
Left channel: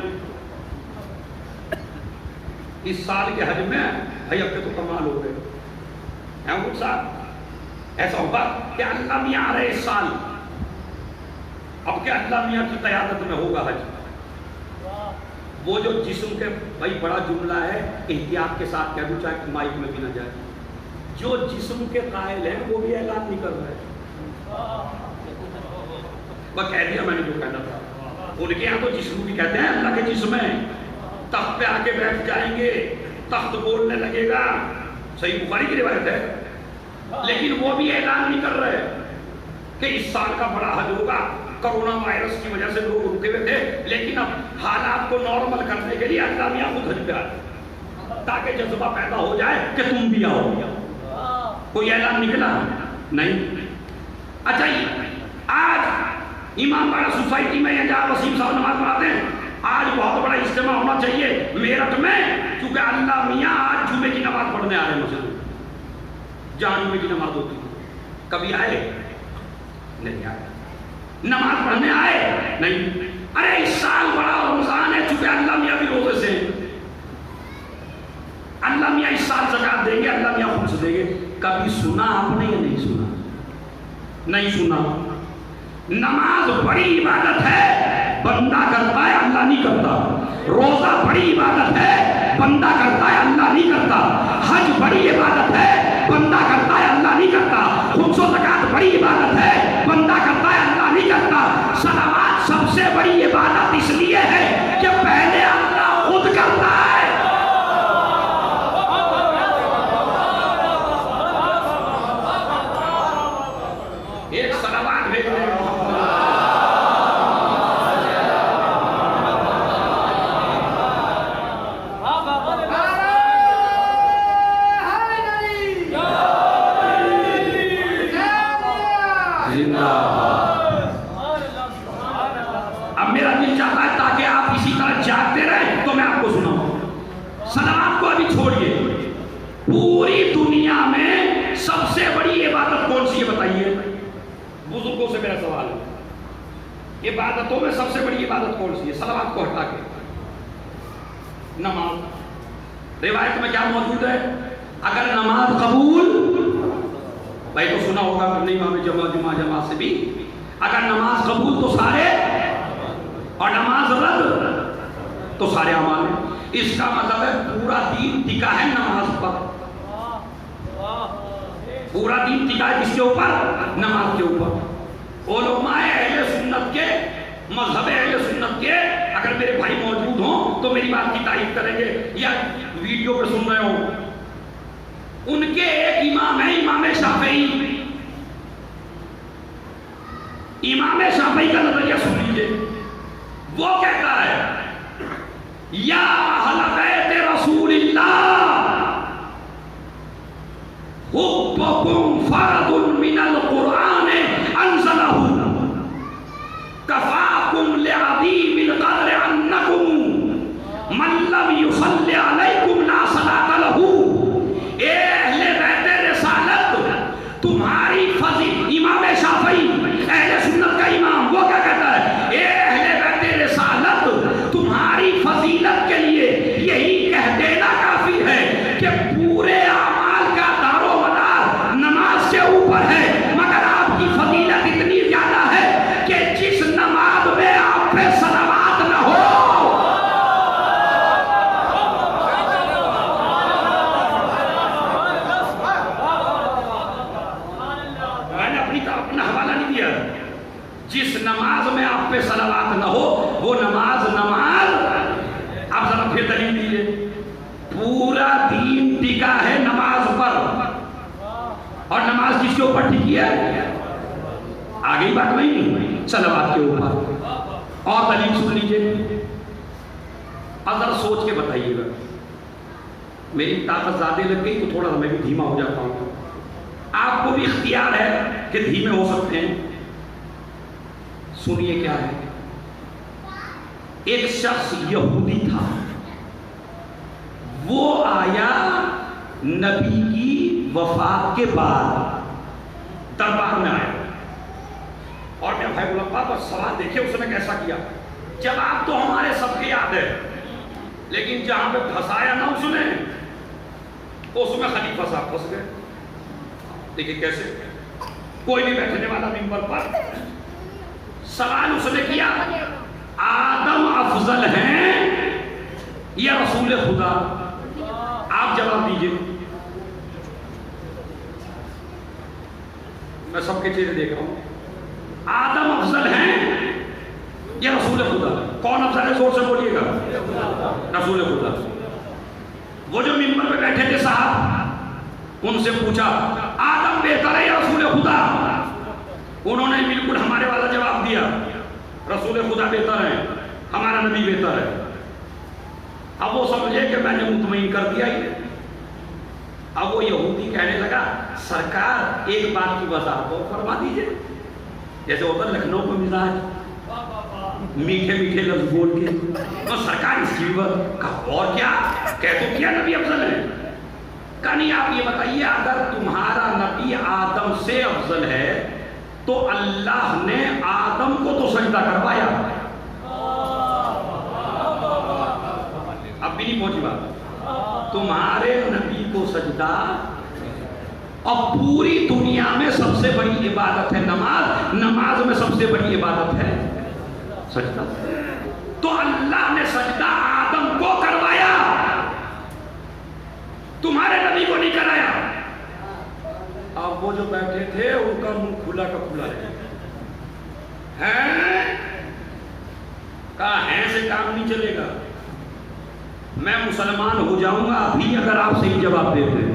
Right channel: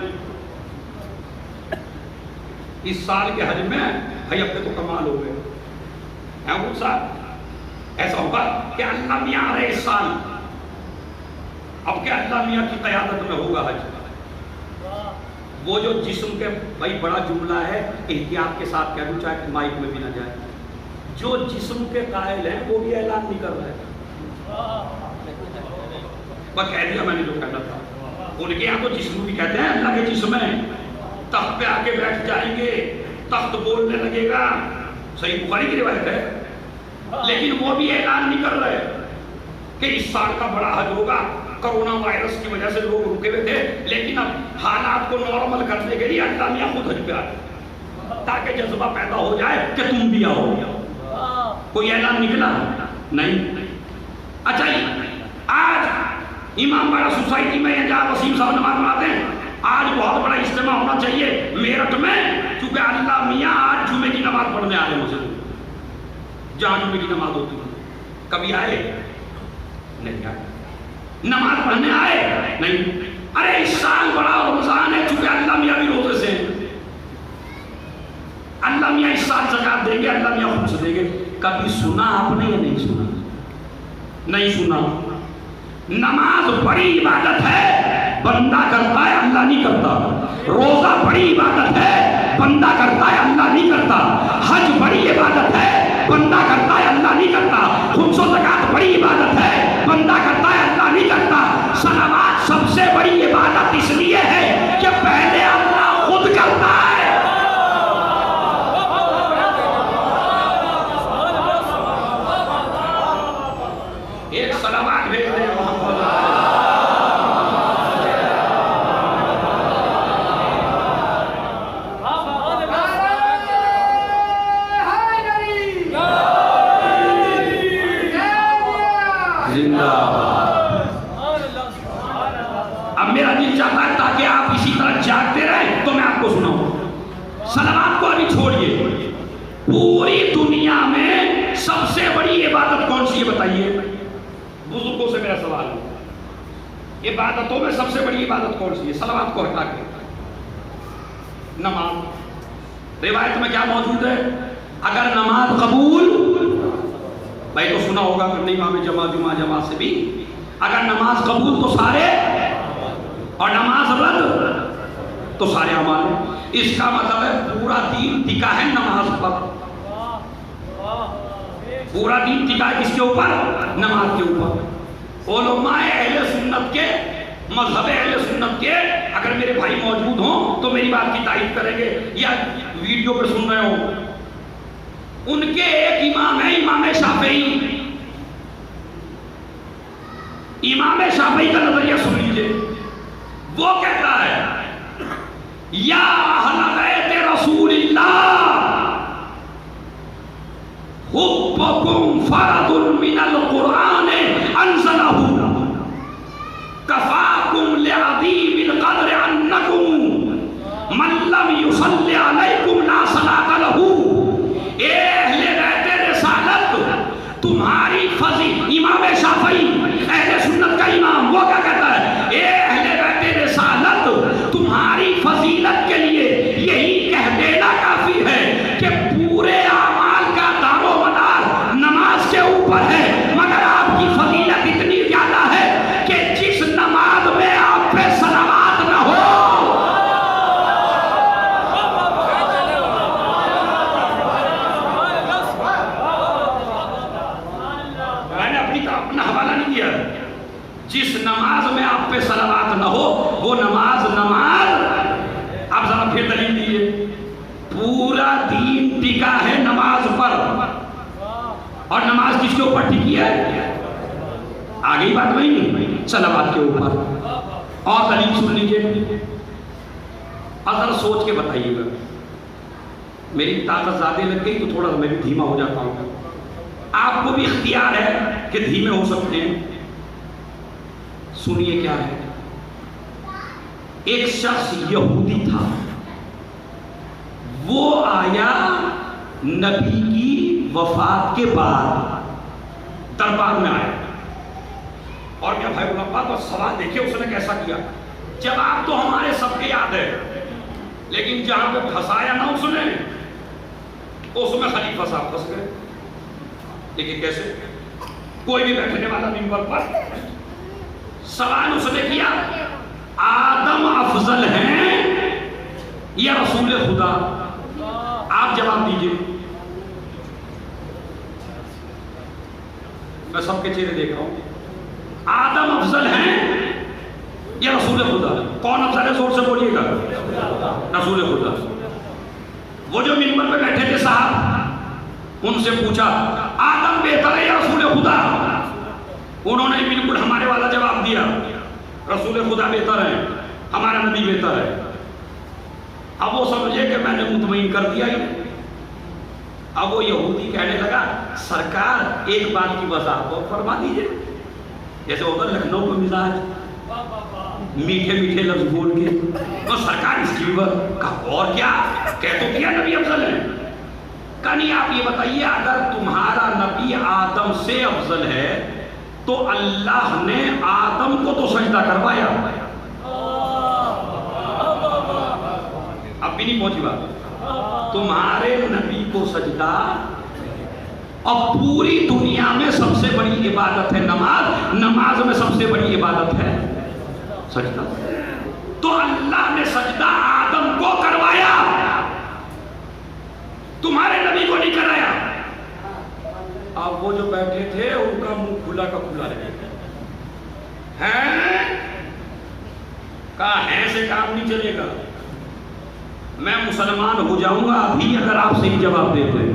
اس سال کے حج میں بھائی اب تو کمال ہو گئے ہیں وہ صاحب، ایسا ہوگا کہ اللہ میاں آ رہے اس سال، اب کیا اللہ میاں کی قیادت میں ہوگا حج، وہ جو جسم کے، بھائی بڑا جملہ ہے، احتیاط کے ساتھ کہہ دوں چاہے مائک میں بھی نہ جائے، جو جسم کے قائل ہیں وہ بھی اعلان نہیں کر رہے، وہ کہہ دیا میں نے جو کہنا تھا، ان کے یہاں تو جسم بھی کہتے ہیں اللہ کے جسم ہے، تخت پہ آ کے بیٹھ جائیں گے، تخت بولنے لگے گا، صحیح بخاری کی روایت ہے، لیکن وہ بھی اعلان نہیں کر رہے کہ اس سال کا بڑا حج ہوگا، کرونا وائرس کی وجہ سے لوگ رکے ہوئے تھے، لیکن اب حالات کو نارمل کرنے کے لیے اللہ میاں خود حج پہ آئے تاکہ جذبہ پیدا ہو جائے کہ تم بھی آؤ، کوئی اعلان نکلا نہیں۔ اچھا آج امام باڑہ سوسائٹی میں جہاں وسیم صاحب نماز پڑھاتے ہیں، آج بہت بڑا اجتماع ہونا چاہیے میرٹھ میں، چونکہ اللہ میاں آج جمعے کی نماز پڑھنے آ رہے ہیں مسجد جہاں جمعے کی نماز ہوتی ہے، کبھی آئے نہیں آئے، نماز پڑھنے آئے نہیں، ارے اس سال بڑا رمضان ہے، چونکہ اللہ میاں بھی روزے سے ہیں، اللہ میاں اس سال زکات دیں گے، اللہ میاں خود سے دیں گے، کبھی سنا آپ نے یا نہیں سنا؟ نہیں سنا۔ نماز بڑی عبادت ہے، بندہ کرتا ہے اللہ نہیں کرتا، روزہ بڑی عبادت ہے، بندہ کرتا ہے اللہ نہیں کرتا، حج بڑی عبادت ہے، بندہ کرتا ہے اللہ نہیں کرتا، خمس و زکات بڑی عبادت ہے، بندہ کرتا ہے اللہ نہیں کرتا، صلوات سب سے بڑی عبادت اس لیے ہے کہ پہلے اللہ خود کرتا ہے۔ ایک صلوات بھیج رہے ہیں محمد، اب میرا دل چاہتا ہے تاکہ آپ اسی طرح جاگتے رہیں تو میں آپ کو سناؤں۔ صلوات کو ابھی چھوڑیے، پوری دنیا میں سب سے بڑی عبادت کون سی ہے بتائیے؟ بزرگوں سے میرا سوال ہے، عبادتوں میں سب سے بڑی عبادت کون سی ہے؟ صلوات کو ہٹا کے نماز۔ روایت میں کیا موجود ہے؟ اگر نماز قبول، بھائی تو سنا ہوگا نہیں امام جماعت سے بھی، اگر نماز قبول تو سارے، اور نماز رد تو سارے اعمال۔ اس کا مطلب ہے پورا دین ٹکا ہے نماز پر۔ پورا دین ٹکا ہے کس کے اوپر؟ نماز کے اوپر۔ علماء اہل سنت کے، مذہب اہل سنت کے اگر میرے بھائی موجود ہوں تو میری بات کی تائید کریں گے، یا ویڈیو پہ سن رہے ہوں، ان کے ایک امام ہے امام شافعی۔ امام شافعی کا نظریہ سن لیجیے، وہ کہتا ہے یا اہل بیت رسول اللہ حبکم فرد من القرآن انزلہ کفاکم لعظیم القدر انکم من لم یصلی علیکم لا صلاۃ لہ۔ اے اہل بیت رسالت، تمہاری فضیلت، امام شافعی اہل سنت کا امام، وہ کیا کہتا ہے؟ اے اہل بیت رسالت، تمہاری فضیلت کے لیے یہی کہہ دینا کافی ہے کہ پورے اعمال کا دار و مدار نماز کے اوپر ہے، مگر آپ کی فضیلت اتنی زیادہ ہے کہ جس نماز میں آپ پہ صلوات نہ ہو، اپنا حوالہ نہیں دیا، جس نماز میں آپ پہ صلوات نہ ہو وہ نماز آپ ذرا پھر دلیل دیجیے۔ پورا دین ٹکا ہے نماز پر، اور نماز کس کے اوپر ٹکی ہے؟ آگے بات نہیں، صلوات کے اوپر۔ اور دلیل سن لیجیے، ذرا سوچ کے بتائیے گا۔ میری طاقت زیادہ لگ گئی تو تھوڑا میں بھی دھیما ہو جاتا ہوں، آپ کو بھی اختیار ہے کہ دھیمے ہو سکتے ہیں۔ سنیے کیا ہے۔ ایک شخص یہودی تھا، وہ آیا نبی کی وفات کے بعد دربار میں آیا، اور میرا بھائی بولا بس سوال دیکھیے اس نے کیسا کیا۔ جواب تو ہمارے سب کے یاد ہے، لیکن جہاں پہ پھنسایا نہ اس نے، اس میں خلیفہ صاحب پھنس گئے۔ لیکن کیسے؟ کوئی بھی بیٹھنے والا منبر پر سوال اس نے کیا، آدم افضل ہیں یا رسول خدا؟ آپ جواب دیجئے۔ میں سب کے چہرے دیکھ رہا ہوں، آدم افضل ہیں یا رسول خدا؟ کون افضل ہے؟ زور سے بولیے گا۔ رسول خدا۔ وہ جو منبر پہ بیٹھے تھے صاحب، ان سے پوچھا آدم بہتر ہے یا رسول خدا؟ انہوں نے بالکل ہمارے والا جواب دیا، رسول خدا بہتر ہے، ہمارا نبی بہتر ہے۔ اب وہ سمجھے کہ میں نے مطمئن کر دیا ہی۔ اب وہ یہودی کہنے لگا سرکار ایک بات کی وضاحت اور فرما دیجیے، جیسے ہوتا لکھنؤ کو مزاج میٹھے میٹھے لفظ بول کے، تو سرکار اس کی کا اور کیا کہہ تو کیا نبی افضل ہے؟ کہانی آپ یہ بتائیے، اگر تمہارا نبی آدم سے افضل ہے تو اللہ نے آدم کو تو سجدہ کروایا، اب بھی نہیں پہنچی بات۔ تمہارے نبی کو سجدہ، اور پوری دنیا میں سب سے بڑی عبادت ہے نماز، نماز میں سب سے بڑی عبادت ہے سجدہ، تو اللہ نے سجدہ آدم کو کروایا، تمہارے نبی کو نہیں کرایا۔ اب وہ جو بیٹھے تھے ان کا منہ کھلا کا کھلا رہے ہیں، کہا ہیں سے کام نہیں چلے گا، میں مسلمان ہو جاؤں گا ابھی اگر آپ صحیح جواب دے دیں۔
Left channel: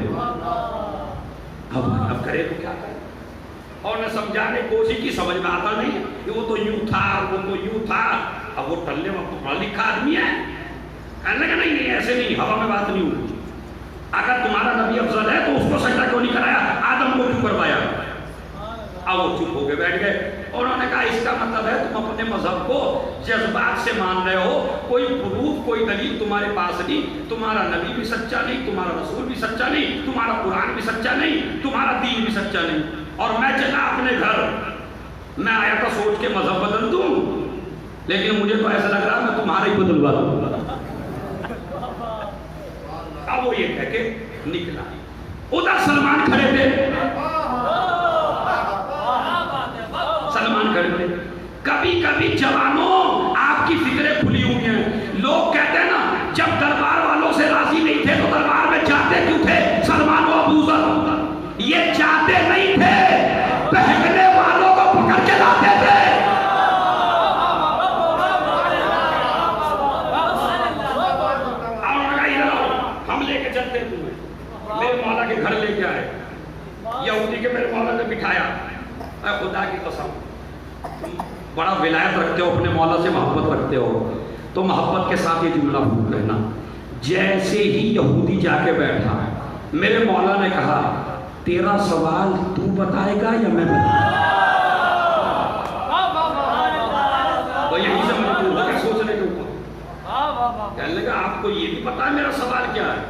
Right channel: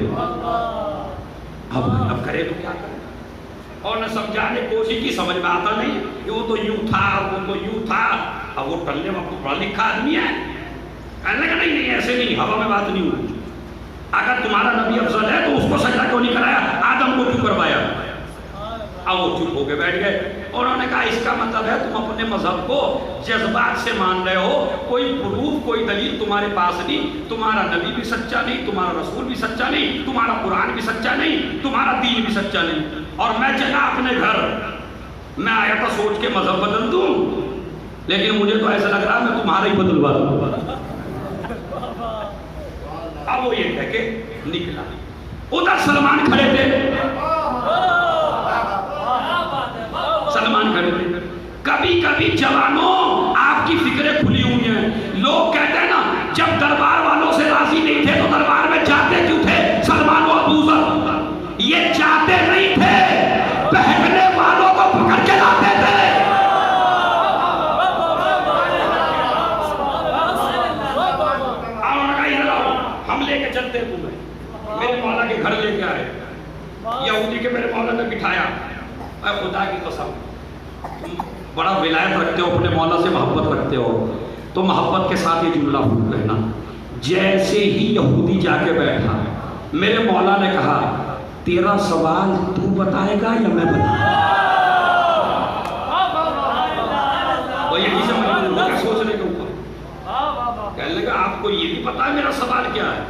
اب کرے تو کیا کرے؟ اور نے سمجھانے کی کوشش کی، سمجھ میں آتا نہیں کہ وہ تو یوں تھا، وہ تو یوں تھا۔ اب وہ ٹلنے وقت پڑھا لکھا آدمی ہے، کہنے لگا نہیں ایسے نہیں، ہوا میں بات نہیں ہوئی۔ اگر تمہارا نبی افضل ہے تو اس کو سجدہ کیوں نہیں کرایا، آدم کو کیوں کروایا؟ اب وہ چپ ہو کے بیٹھ گئے، اور انہوں نے کہا اس کا مطلب ہے تم اپنے مذہب کو جذبات سے مان رہے ہو، کوئی پروف کوئی دلیل تمہارے پاس نہیں، تمہارا نبی بھی سچا نہیں، تمہارا رسول بھی سچا نہیں، تمہارا قرآن بھی سچا نہیں، تمہارا دین بھی سچا نہیں، اور میں چلا اپنے گھر میں آیا تھا سوچ کے مذہب بدل دوں، لیکن مجھے تو ایسا لگ رہا ہے میں تمہارا ہی بدلوا دوں. اب وہ یہ کہہ کے نکلا. ادھر سلمان کھڑے تھے، سلمان کھڑے تھے. کبھی کبھی جوانوں آپ کی فکریں کھلی ہوئی ہیں. لوگ کہتے ہیں نا جب دربار والوں سے راضی نہیں تھے تو دربار میں جاتے کیوں تھے؟ سلمان و ابو ذر یہ جاتے نہیں تھے، بہکنے والوں کو پکڑ کے لاتے تھے. ہم لے کے چلتے تمہیں، میرے مولا کے گھر لے کے آئے. یہودی کے میرے مولا نے بٹھایا. اے خدا کی قسم تم بڑا ولایت رکھتے ہو، اپنے مولا سے محبت رکھتے ہو، تو محبت کے ساتھ یہ جملہ بھول لینا. جیسے ہی یہودی جا کے بیٹھا میرے مولا نے کہا تیرا سوال تو بتائے گا یا میں بتاؤں؟ وہ یہی سے مجبور ہو کے سوچنے کے اوپر کہنے لگا آپ کو یہ بھی پتا ہے میرا سوال کیا ہے؟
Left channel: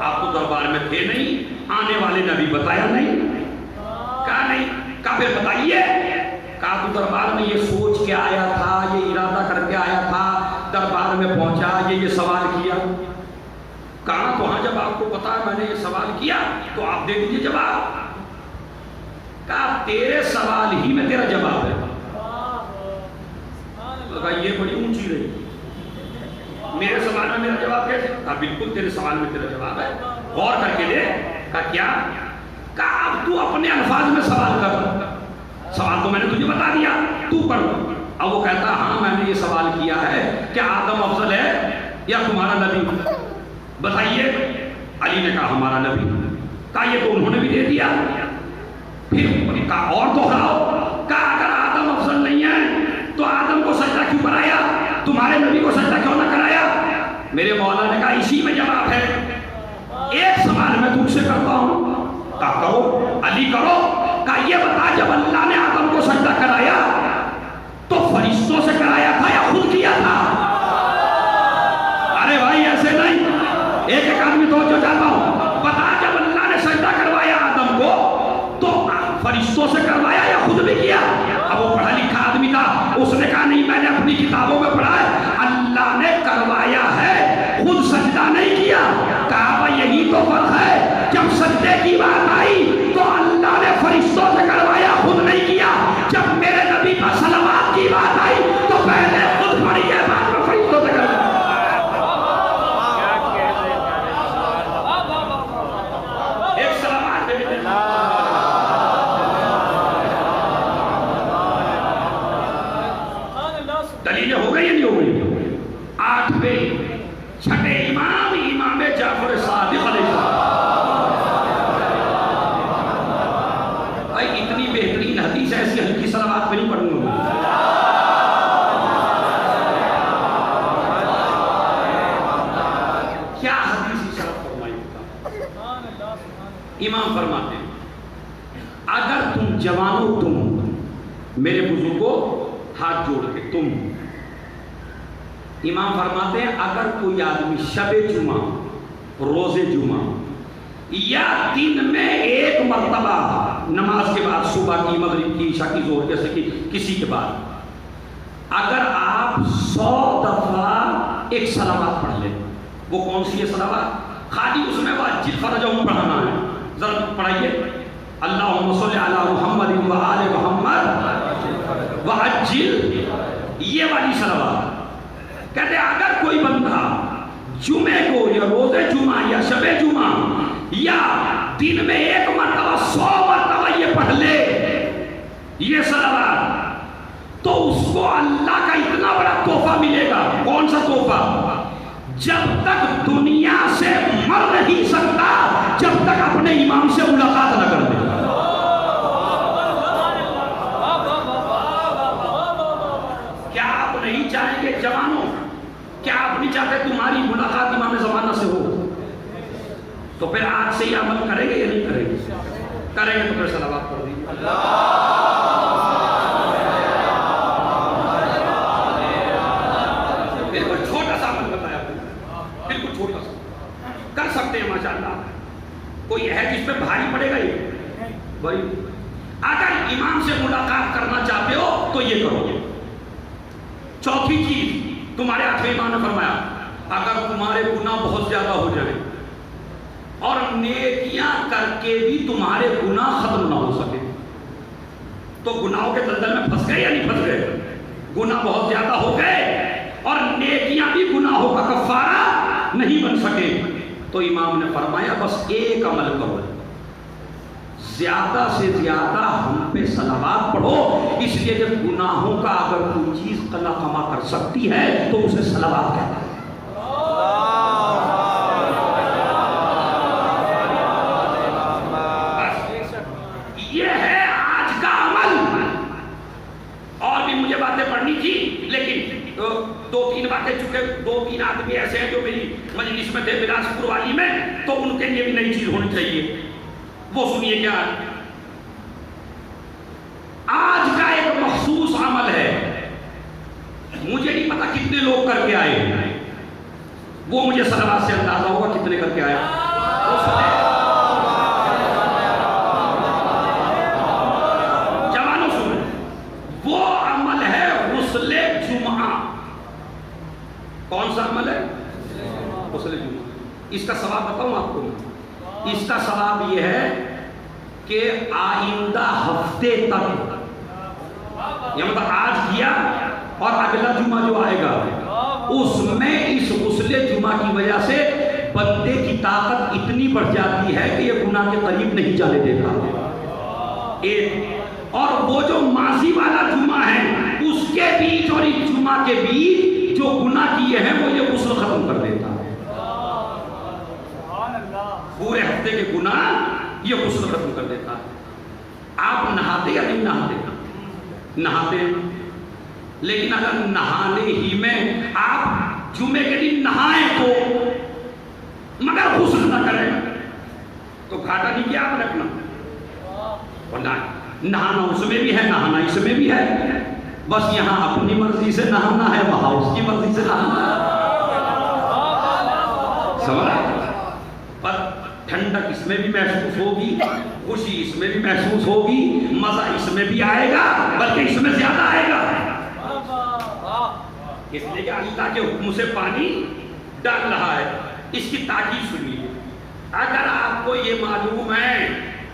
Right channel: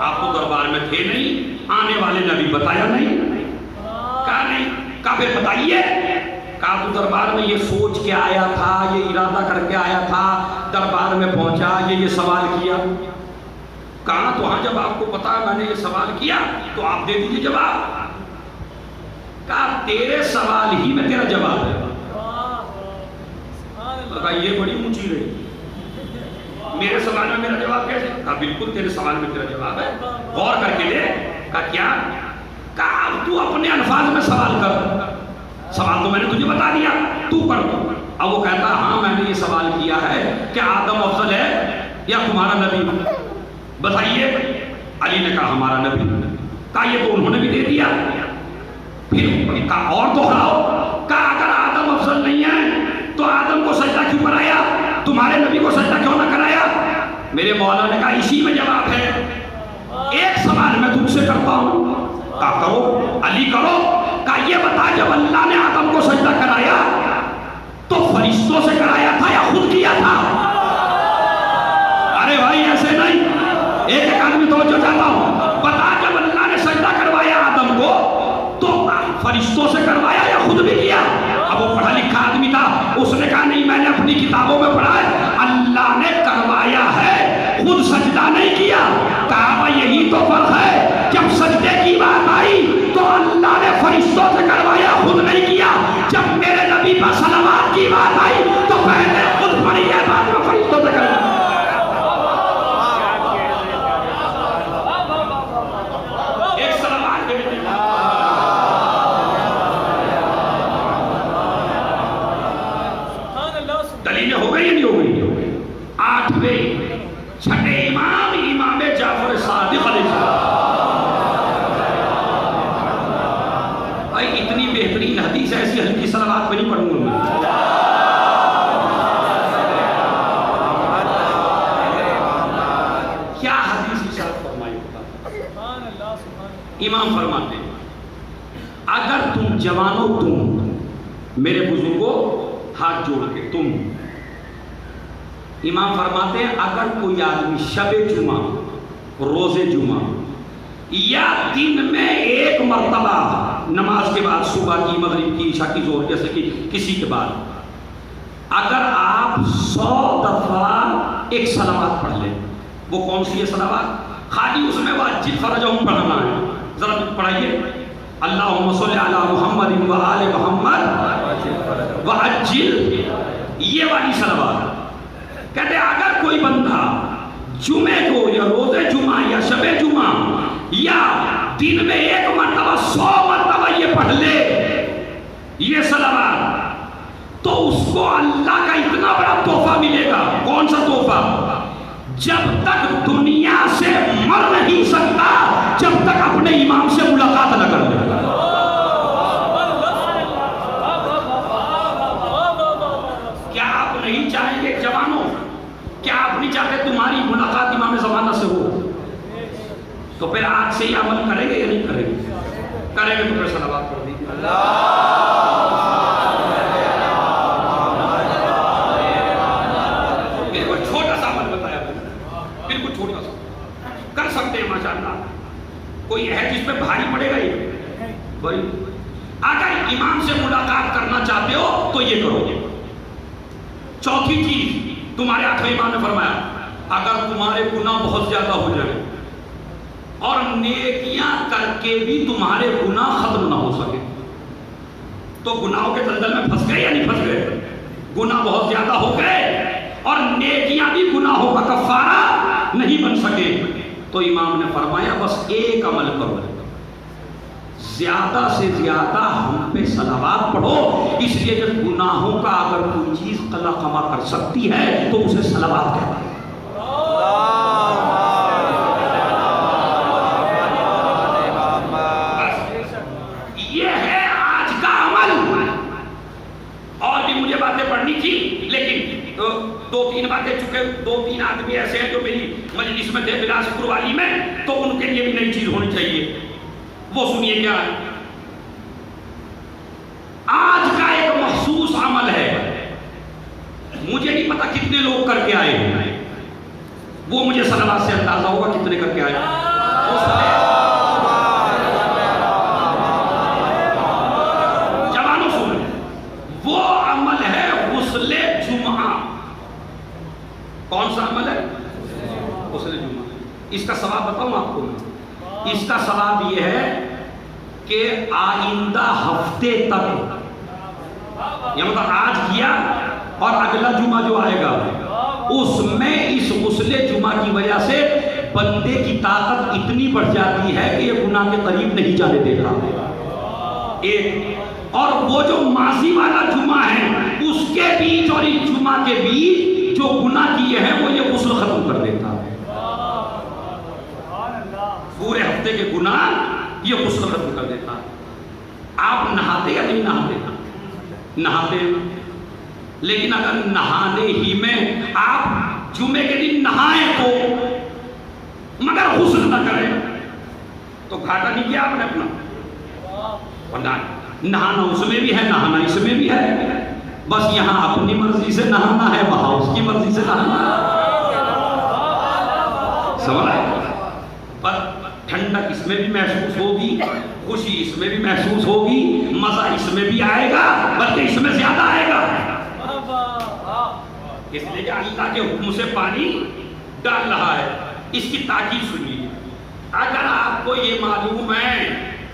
آپ تو دربار میں تھے نہیں، آنے والے نے بھی بتایا نہیں. کہا نہیں. کہا پھر بتائیے. کہا تو دربار میں یہ سوچ کے آیا تھا، یہ ارادہ کر کے آیا تھا، دربار میں پہنچا یہ سوال کیا. کہا تو ہاں جب آپ کو پتا ہے میں نے یہ سوال کیا تو آپ دے دیجیے جواب. کہا تیرے سوال ہی میں تیرا جواب ہے. کہا یہ بڑی اونچی رہی، میرے سوال میں میرا جواب کیسے؟ کہا بالکل تیرے سوال میں تیرا جواب ہے، غور کر کے دے. کہا کیا؟ کہا اب تو اپنے الفاظ میں سوال کر. سوال تو میں نے تجھے بتا دیا، تو کر. اب وہ کہتا ہاں میں نے یہ سوال کیا ہے کہ آدم افضل ہے یا تمہارا نبی؟ بتائیے. علی نے کہا ہمارا نبی. کہا یہ تو انہوں نے بھی دے دیا. پھر کہا اور دوہراؤ. کہا اگر آدم افضل نہیں ہے تو آدم کو سجدہ کیوں کرایا؟ تمہارے نبی کو سجدہ کیوں نہ کرایا؟ میرے مولا نے کہا اسی میں جواب ہے. ایک سوال میں تم سے کرتا ہوں. کہا کرو. علی کرو. کہا یہ بتا جب اللہ نے آدم کو سجدہ کرایا تو فرشتوں سے کرایا تھا یا خود کیا تھا؟ ارے بھائی ایسے نہیں، ایک ایک آدمی توجہ چاہتا ہوں. بتا جب اللہ نے سجدہ کروایا آدم کو تو فرشتوں سے کروایا یا خود بھی کیا؟ اب وہ پڑھا لکھا آدمی تھا، اس نے کہا نہیں میں نے اپنی کتابوں میں پڑھا ہے اللہ نے کروایا ہے، خود سجدہ نہیں کیا. کہا یہی تو فرق ہے، جب سجدے کی بات آئی تو اللہ نے فرشتوں سے کروایا خود نہیں کیا. جب میرے نبی پر صلوات کی بات آئی تو پہلے خود پڑھی ہے بعد میں فرشتوں سے کروایا. ایک صلوات دے دیتے دلیلیں ہو گئی یا نہیں ہو گئی؟ 8ویں 6 امام جعفر صادق علیہ السلام. اتنی بہترین حدیث ایسی ہلکی صلوات پہ نہیں پڑھوں گا. کیا حدیث ارشاد فرمائی ہوتا؟ امام فرماتے ہیں اگر تم جوانوں، تم میرے بزرگوں، ہاتھ جوڑ کے تم. امام فرماتے ہیں اگر کوئی آدمی شب جمعہ، روز جمعہ یا دن میں ایک مرتبہ نماز کے بعد، صبح کی، مغرب کی، عشاء کی، ظہر جیسے کہ کسی کے بعد، اگر آپ 100 دفعہ ایک صلوات پڑھ لیں. وہ کون سی ہے صلوات؟ خالی اس میں واجب فرجہم پڑھنا ہے. ذرا پڑھائیے اللہم صلی علی محمد و آل محمد وعجل، یہ والی صلوات. کہتے ہیں اگر کوئی بندہ جمعے کو یا روز جمعہ یا شب جمعہ یا دن میں ایک مرتبہ 100 مرتبہ یہ پڑھ لے یہ صلوات، تو اس کو اللہ کا اتنا بڑا تحفہ ملے گا. کون سا تحفہ؟ جب تک دنیا سے مر نہیں سکتا جب تک اپنے امام سے ملاقات نہ کر لے. کیا آپ نہیں چاہیں گے جوانوں؟ کیا آپ نہیں چاہتے تمہاری ملاقات امام زمانہ سے ہو؟ تو پھر آج سے یہ عمل کریں گے یا نہیں کریں گے؟ کریں گے تو پھر صلوات پڑھ دیجیے. بالکل چھوٹا سا عمل بتایا، بالکل چھوٹا سا کر سکتے ہیں ماشاءاللہ. کوئی ہے جس پہ بھاری پڑے گا یہ بھائی؟ اگر امام سے ملاقات کرنا چاہتے ہو تو یہ کرو. چوتھی چیز تمہارے آخری امام نے فرمایا اگر تمہارے گناہ بہت زیادہ ہو جائیں اور نیکیاں کر کے بھی تمہارے گناہ ختم نہ ہو سکے تو گناہوں کے دلدل میں پھنس گئے یا نہیں پھنس گئے؟ گناہ بہت زیادہ ہو گئے اور نیکیاں بھی گناہوں کا کفارہ نہیں بن سکے تو امام نے فرمایا بس ایک عمل کرو، زیادہ سے زیادہ ہم پہ صلوات پڑھو. اس لیے جب گناہوں کا اگر کوئی چیز قلع کما کر سکتی ہے تو اسے صلوات کہتے ہیں. یہ ہے آج کا عمل. اور بھی مجھے باتیں پڑھنی تھی لیکن دو تین باتیں چکے، دو تین آدمی ایسے ہیں جو میری مجلس میں تھے بلاسپور والی میں، تو ان کے لیے بھی نئی چیز ہونی چاہیے. وہ سنیے کیا ہے. آج کا ایک مخصوص عمل ہے، مجھے نہیں پتا کتنے لوگ کر کے آئے ہیں، وہ مجھے صلوات سے اندازہ ہوگا کتنے کر کے آئے. جوانوں سنو، وہ عمل ہے غسل جمعہ. کون سا عمل ہے؟ غسل جمعہ. اس کا ثواب بتاؤں آپ کو. اس کا ثواب یہ ہے کہ آئندہ ہفتے تک، یہ مطلب آج کیا اور اگلا جمعہ جو آئے گا اس میں اس غسل جمعہ کی وجہ سے بندے کی طاقت اتنی بڑھ جاتی ہے کہ یہ گناہ کے قریب نہیں جانے دے گا. ایک اور وہ جو ماضی والا جمعہ ہے اس کے بیچ اور اس جمعہ کے بیچ جو گناہ کیے ہیں وہ یہ غسل ختم کر دیتا ہے. پورے ہفتے کے گناہ یہ غسل ختم کر دیتا ہے. آپ نہاتے یا نہیں نہاتے؟ نہاتے. لیکن اگر نہانے ہی میں آپ جمعے کے دن نہائیں تو مگر غسل نہ کریں تو گھاٹا نہیں کیا آپ نے اپنا. نہانا اس میں بھی ہے، نہانا اس میں بھی ہے. بس یہاں اپنی مرضی سے نہانا ہے، وہاں اس کی مرضی سے نہانا ہے. سمجھ آئے؟ پر ٹھنڈک اس میں بھی محسوس ہوگی، خوشی اس میں بھی محسوس ہوگی، مزہ اس میں بھی آئے گا، بلکہ اس میں زیادہ آئے گا. اس لیے کہ اللہ کے حکم سے پانی ڈال رہا ہے. اس کی تاکید سنیے. اگر آپ کو یہ معلوم ہے،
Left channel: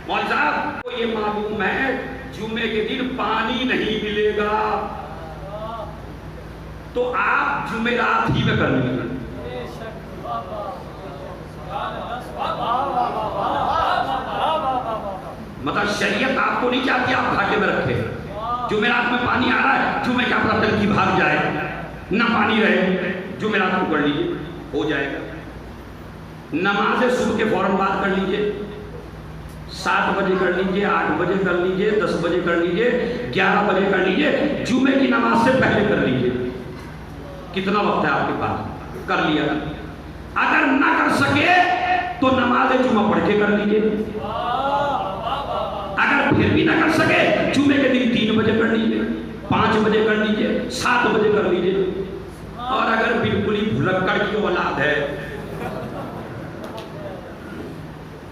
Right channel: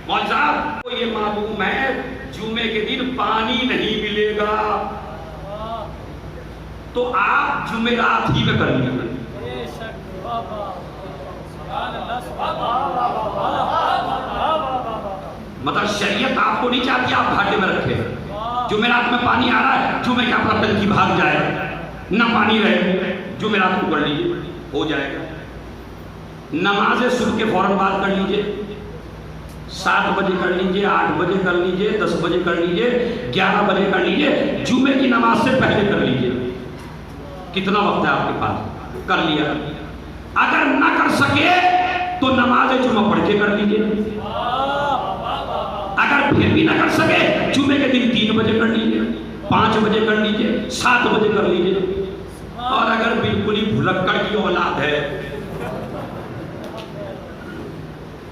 مولوی صاحب کو یہ معلوم ہے جمعے کے دن پانی نہیں ملے گا تو آپ جمعرات ہی میں کر لیجیے. مطلب شریعت آپ کو نہیں چاہتی آپ گھاٹے میں رکھے. جمعرات میں پانی آ رہا ہے، جمعے کا اپنا ٹنکی بھاگ جائے، نہ پانی رہے، جمعرات کو کر لیجیے، ہو جائے گا. نماز صبح کے فوراً بعد کر لیجیے، 7 بجے کر لیجیے، 8 بجے کر لیجیے، 10 بجے کر لیجیے، 11 بجے کر لیجیے، جمعے کی نماز سے پہلے کر لیجیے. کتنا وقت ہے آپ کے پاس؟ کر لیا. اگر نہ کر سکے تو نماز جمعہ پڑھ کے کر لیجیے. اگر پھر بھی نہ کر سکے جمعے کے دن 3 بجے کر لیجیے، 5 بجے کر لیجیے، 7 بجے کر لیجیے. اور اگر بالکل ہی بھلکڑ کی اولاد ہے،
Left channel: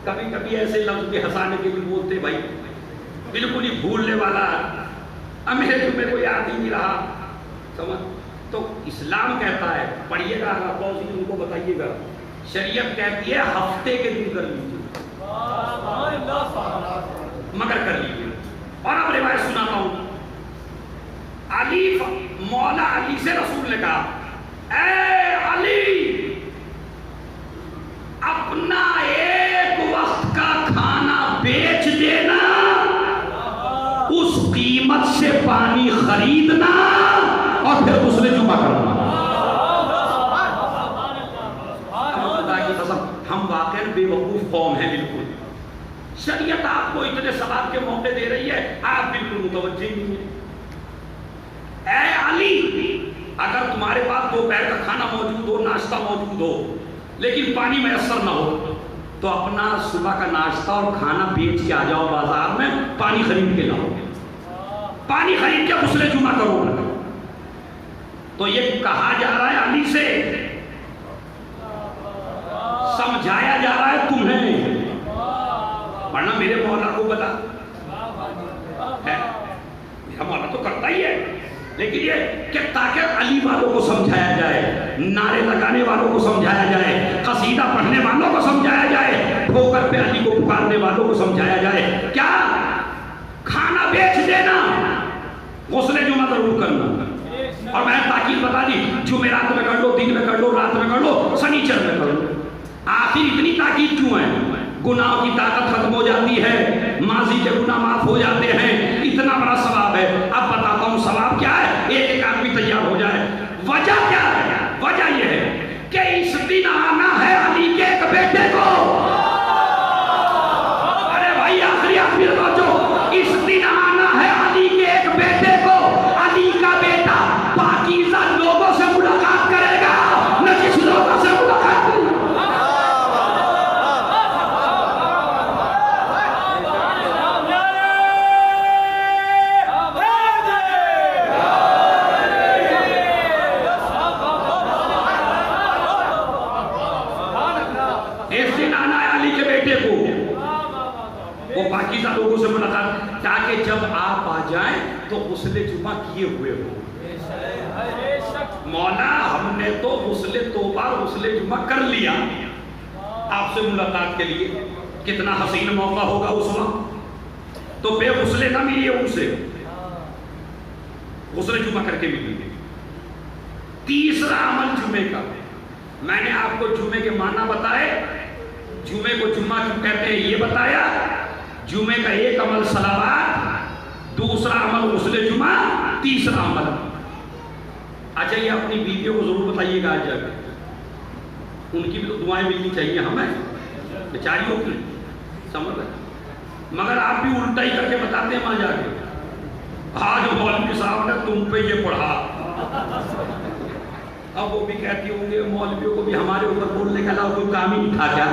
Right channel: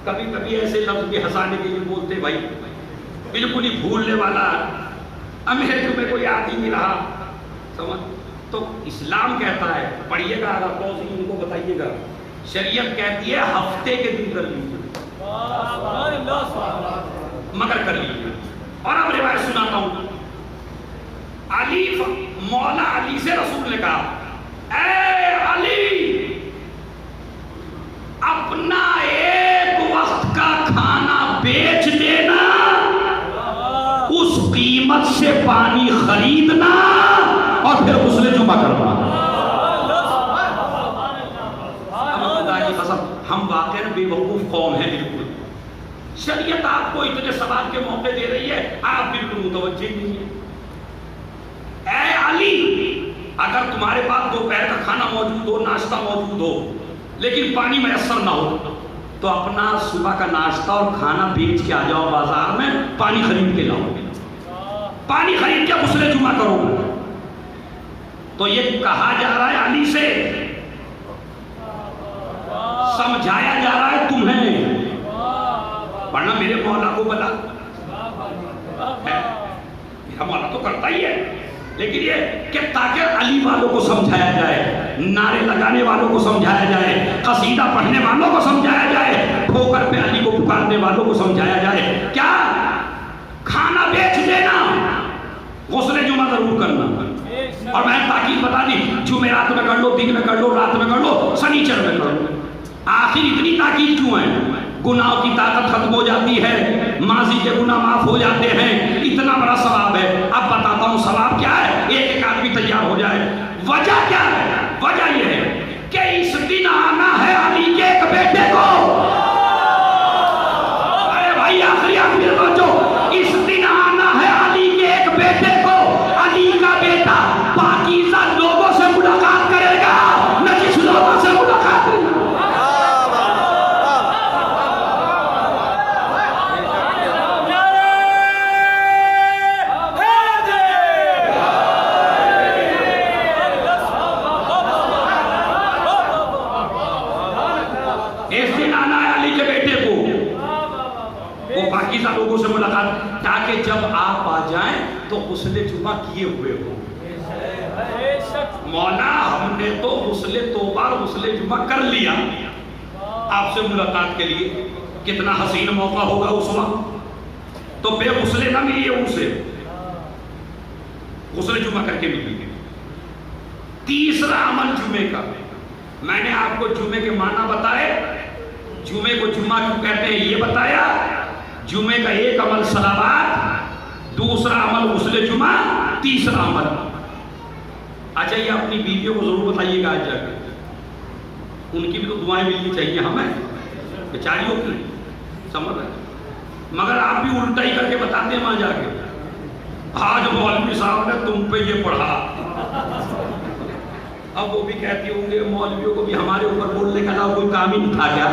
کبھی کبھی ایسے لفظ بھی ہنسانے کے لیے بولتے بھائی بالکل ہی بھولنے والا، ہمیں تمہیں کوئی یاد ہی نہیں رہا، سمجھ. تو اسلام کہتا ہے، پڑھیے گا اگر توضیح ان کو بتائیے گا، شریعت کہتی ہے ہفتے کے دن کر لیجیے مگر کر لیجیے. اور اب روایت سناتا ہوں. علی مولا علی سے رسول نے کہا اے علی اپنا ایک وقت کا کھانا بیچ دینا، اس قیمت سے پانی خریدنا اور پھر غسل جمعہ کروانا. اللہ کی قسم ہم واقعی بے وقوف قوم ہیں. بالکل شریعت آپ کو اتنے ثواب کے موقع دے رہی ہے، آپ بالکل متوجہ نہیں ہیں. اے علی اگر تمہارے پاس دوپہر کا کھانا موجود ہو، ناشتہ موجود ہو، لیکن پانی میسر نہ ہو تو اپنا صبح کا ناشتہ اور کھانا بیچ کے آ جاؤ بازار میں، پانی خرید کے لاؤ، پانی خرید کے غسل جمعہ کرو. تو یہ کہا جا رہا ہے علی سے، سمجھایا جا رہا ہے تمہیں، ورنہ میرے مولا کو بتا ہمارا تو کرتا ہی ہے، لیکن یہ کہ تاکہ علی والوں کو سمجھایا جائے، نعرے لگانے والوں کو سمجھایا جائے، قصیدہ پڑھنے والوں کو سمجھایا جائے، ٹھوکر پہ علی کو پکارنے والوں کو سمجھایا جائے، کیا کھانا بیچ دینا، غسل جمعہ ضرور کرنا، اور میں تاکید بتا دی، جمعرات میں کر لو، دن میں کر لو، رات میں کر لو، سنیچر میں کر لو۔ آخر اتنی تاکید کیوں ہے؟ گناہوں کی طاقت ختم ہو جاتی ہے، ماضی کے گناہ معاف ہو جاتے ہیں، اتنا بڑا ثواب ہے۔ اب بتاتا ہوں ثواب کیا ہے، ایک ایک آدمی تیار ہو جائے۔ وجہ کیا ہے؟ وجہ یہ ہے کہ اس دن آنا ہے علی کے ایک بیٹے کو۔ ارے بھائی آخری باتوں، اس دن آنا ہے علی کے ایک بیٹے کو۔ علی کا بیٹا پاکیزہ لوگوں سے ملاقات کرے گا، نجس لوگوں سے ملاقات کرے گا۔ پاکیزہ لوگوں سے ملاقات، تاکہ جب آپ آ جائیں تو غسل جمعہ کیے ہوئے ہو۔ مولا ہم نے تو غسل توبہ غسل جمعہ کر لیا آپ سے ملاقات کے لیے، کتنا حسین موقع ہوگا اس وقت، تو بے غسل نہ ملیے ان سے، غسل جمعہ کر کے ملیے۔ تیسرا عمل جمعے کا، میں نے آپ کو جمعے کے معنی بتائے، جمعے کو جمعہ کیوں کہتے ہیں یہ بتایا۔ جمعے کا ایک عمل صلوات، دوسرا عمل غسل جمعہ، تیسرا عمل۔ اچھا یہ اپنی بیویوں کو ضرور بتائیے گا آج جا کے، ان کی بھی تو دعائیں ملنی چاہیے ہمیں، بیچاریوں کی، سمجھ رہے ہیں، مگر آپ بھی الٹا ہی کر کے بتاتے ہیں وہاں جا کے، آج مولوی صاحب نے تم پہ یہ پڑھا۔ اب وہ بھی کہتی ہوں گے مولویوں کو بھی ہمارے اوپر بولنے کے علاوہ کوئی کام ہی نہیں تھا کیا؟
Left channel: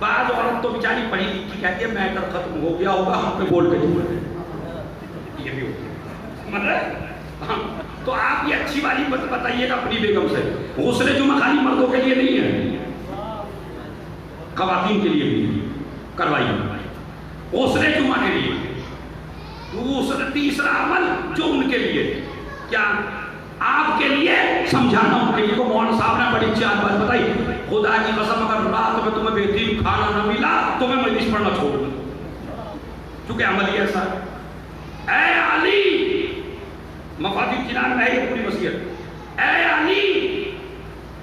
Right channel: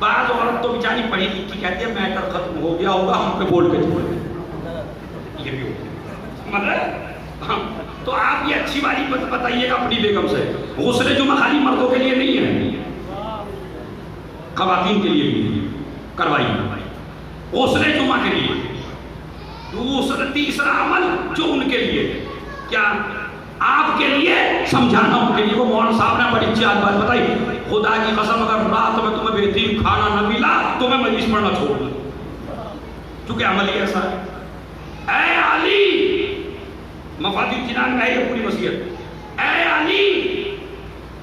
بعض عورت تو بیچاری پڑھی لکھی کہتی ہے میٹر ختم ہو گیا ہوگا ہم پہ بول کے یہ بھی ہوگا، تو آپ یہ اچھی والی بتائیے گا اپنی بیگم سے۔ غسل جمعہ خالی مردوں کے لیے نہیں ہے، خواتین کے لیے بھی کروائیے غسل جمعہ کے لیے۔ دوسرا تیسرا عمل جو ان کے لیے، کیا آپ کے لیے سمجھانا، ان کے لیے کو مولانا صاحب نے بڑی اچھی بات بتائی، خدا کی قسم اگر رات میں تمہیں بہترین کھانا نہ ملا تو میں مجلس پڑھنا چھوڑ دوں، چونکہ عمل ہی ایسا ہے۔ اے علی، مفادی کنان میں ہے پوری وصیت، اے علی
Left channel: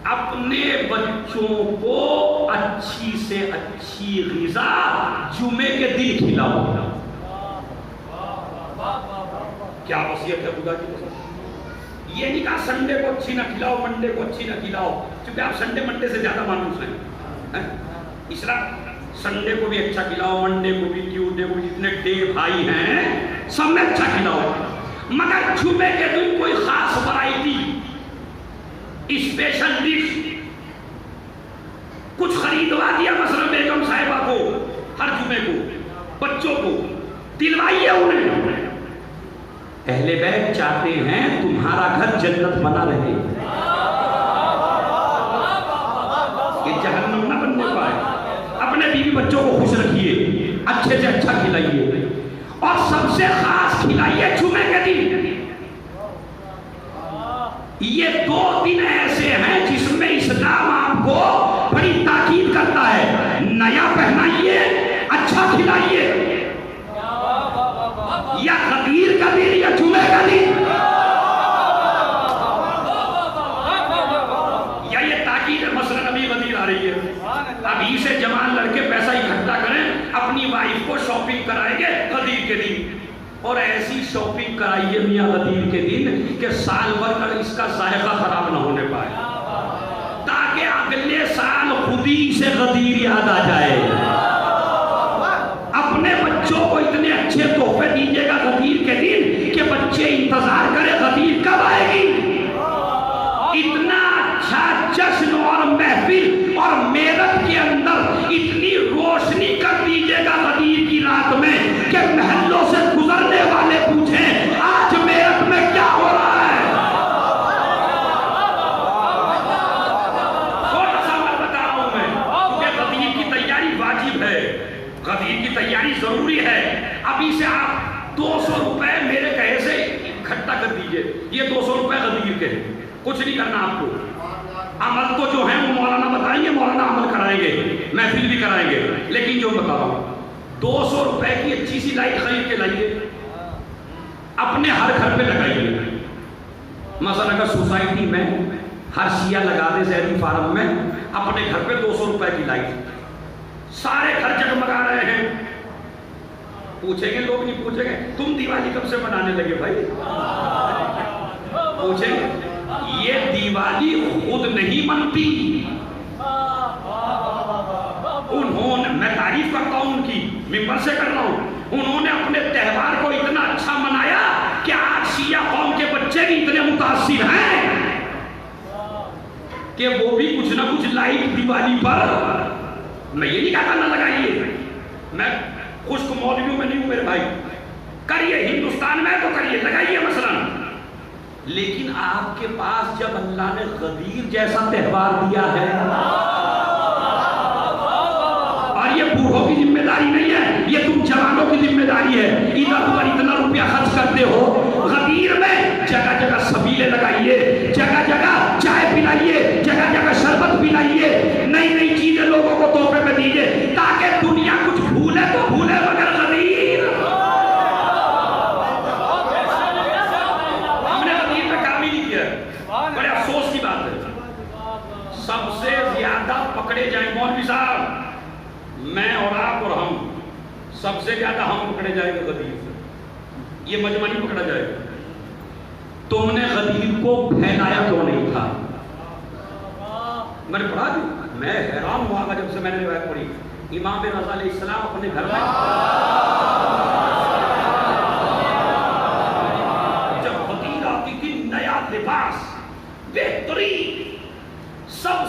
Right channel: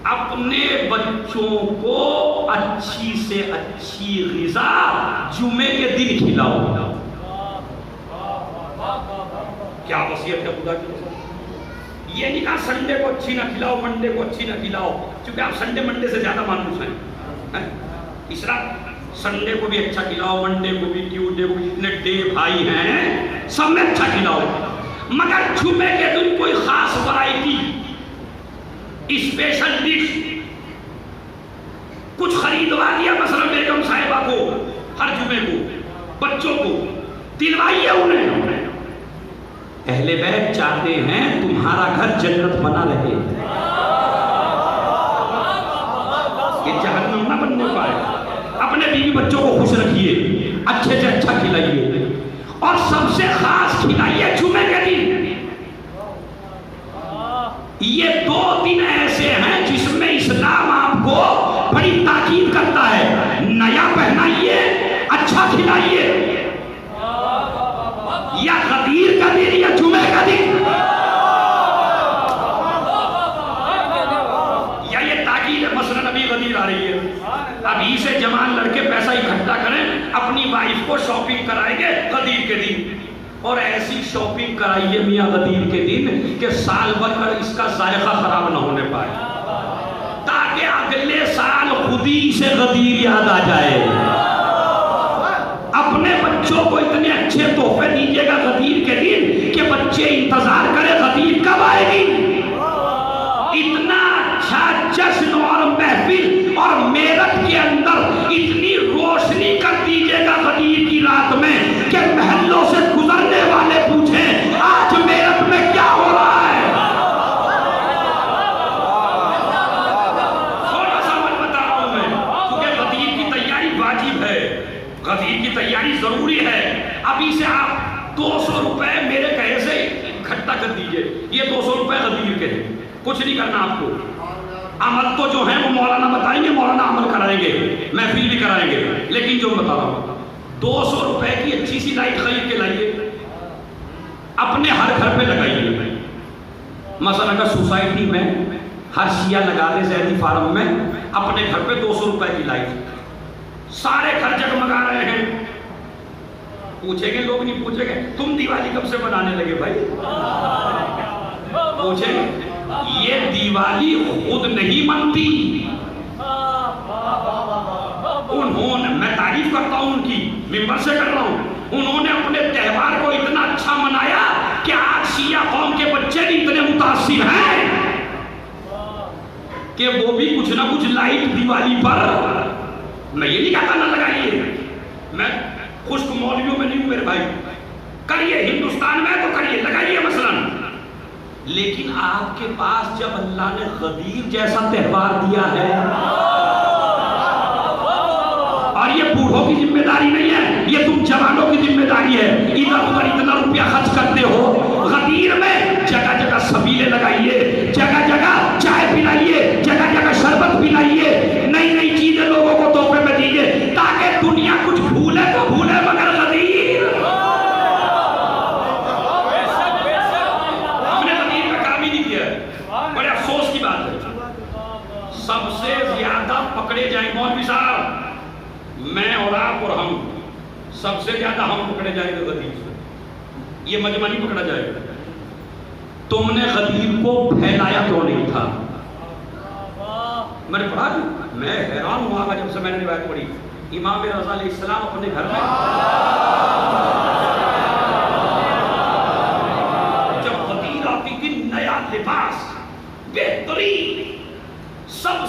اپنے بچوں کو اچھی سے اچھی غذا جمعے کے دن کھلاؤ۔ کیا وصیت ہے خدا کی قسم! یہ نہیں کہا سنڈے کو اچھی نہ کھلاؤ، منڈے کو اچھی نہ کھلاؤ، کیونکہ آپ سنڈے منڈے سے زیادہ مانوس ہیں۔ اس طرح سنڈے کو بھی اچھا کھلاؤ، منڈے کو بھی، ٹیوزڈے کو، اتنے ڈے بھائی ہیں سب میں اچھا کھلاؤ، مگر جمعے کے دن کوئی خاص ورائٹی، اسپیشل ڈش کچھ خریدوا دیا مثلا بیگم صاحبہ کو، ہر جمعے کو بچوں کو دلوائیے انہیں۔ اہل بیت چاہتے ہیں تمہارا گھر جنت بنا رہے، یہ جہنم نہ بننے پائے۔ اپنے بیوی بچوں کو خوش رکھیے، اچھے سے اچھا کھلائیے، اور سب سے خاص کھلائیے جمعے کے دن۔ یہ دو دن ایسے ہیں جس میں اسلام آپ کو بڑی تاکید کرتا ہے، نیا پہنائیے، اچھا کھلائیے، یا غدیر کا دن یا جمعے کا دن، یا یہ تاکید مثلا ابھی غدیر آ رہی ہے، ابھی سے جوان لڑکے پیسہ اکٹھا کریں، اپنی وائف کو شاپنگ کرائیں گے غدیر کے دن، اور ایسی شاپنگ کرائیے میاں غدیر کے دن کہ سال بھر کر اس کا ذائقہ خراب نہ ہونے پائے، تاکہ اگلے سال خود ہی سے غدیر یاد آ جائے۔ اپنے بچوں کو اتنے اچھے تحفے دیجیے گا غدیر کے دن کہ بچے انتظار کرے غدیر کب آئے گی۔ اتنا اچھا جشن اور محفل اور میرٹھ کے اندر اتنی روشنی کر دیجیے گا غدیر کی رات میں کہ محلوں سے گزرنے والے پوچھیں آج میرٹھ میں کیا ہو رہا ہے۔ تھوڑا سا میں بتا رہا ہوں میں، کیونکہ غدیر کی تیاری واجب ہے، غدیر کی تیاری ضروری ہے. ابھی سے آپ 200 روپے میرے کہے سے اکٹھا کر دیجئے. یہ 200 روپے غدیر کے ہیں. کچھ نہیں کرنا آپ کو. عمل تو جو ہیں وہ مولانا بتائیں گے, مولانا عمل کرائیں گے, محفل بھی کرائیں گے. لیکن جو بتا رہا ہوں, 200 روپے کی اچھی سی لائٹ خرید کے لائیے, اپنے ہر گھر پہ لگائیے. مثلا اگر سوسائٹی میں ہر شیعہ لگا دے زہری فارم میں اپنے گھر پہ 200 روپے کی لائٹ, سارے گھر جگمگا رہے ہیں. پوچھیں گے لوگ, نہیں پوچھیں گے تم دیوالی کب سے منانے لگے بھائی؟ پوچھیں گے. یہ دیوالی خود نہیں منتی, انہوں نے, میں تعریف کرتا ہوں ان کی, ممبر سے کر رہا ہوں, انہوں نے اپنے تہوار کو اتنا اچھا منایا کہ آج شیعہ قوم کے بچے بھی اتنے متاثر ہیں کہ وہ بھی کچھ نہ کچھ لائٹ دیوالی پر, میں یہ نہیں کہتا نہ لگائیے, میں خشک مولویوں میں نہیں ہوں میرے بھائی, کریے ہندوستان میں تو کریے, لگائیے مثلا. لیکن آپ کے پاس جب اللہ نے غدیر جیسا تہوار دیا ہے, اور یہ بوڑھوں کی ذمہ داری نہیں ہے, یہ تم جوانوں کی ذمہ داری ہے. ادھر ادھر اتنا روپیہ خرچ کرتے ہو, غدیر میں جگہ جگہ سبیلے لگائیے, جگہ جگہ چائے پلائیے, جگہ جگہ شربت پلائیے, نئی نئی چیزیں لوگوں کو تحفے میں دیجیے تاکہ دنیا کچھ بھولے تو بھولے مگر غدیر. ہم نے غدیر پہ کام ہی نہیں کیا, بڑے افسوس کی بات ہے. سب سے زیادہ پکڑے جائیں مولوی صاحب, میں اور آپ اور ہم, سب سے زیادہ ہم پکڑے جائیں گے غدیر سے. یہ مجمع نہیں پکڑا جائے گا. تم نے غدیر کو پھیلایا کیوں نہیں تھا؟ میں نے پڑھا نہیں, میں حیران ہوا جب سے میں نے روایت پڑھی. امام رضا علیہ السلام اپنے گھر میں جب غدیر آتی تھی, نیا لباس بہترین, سب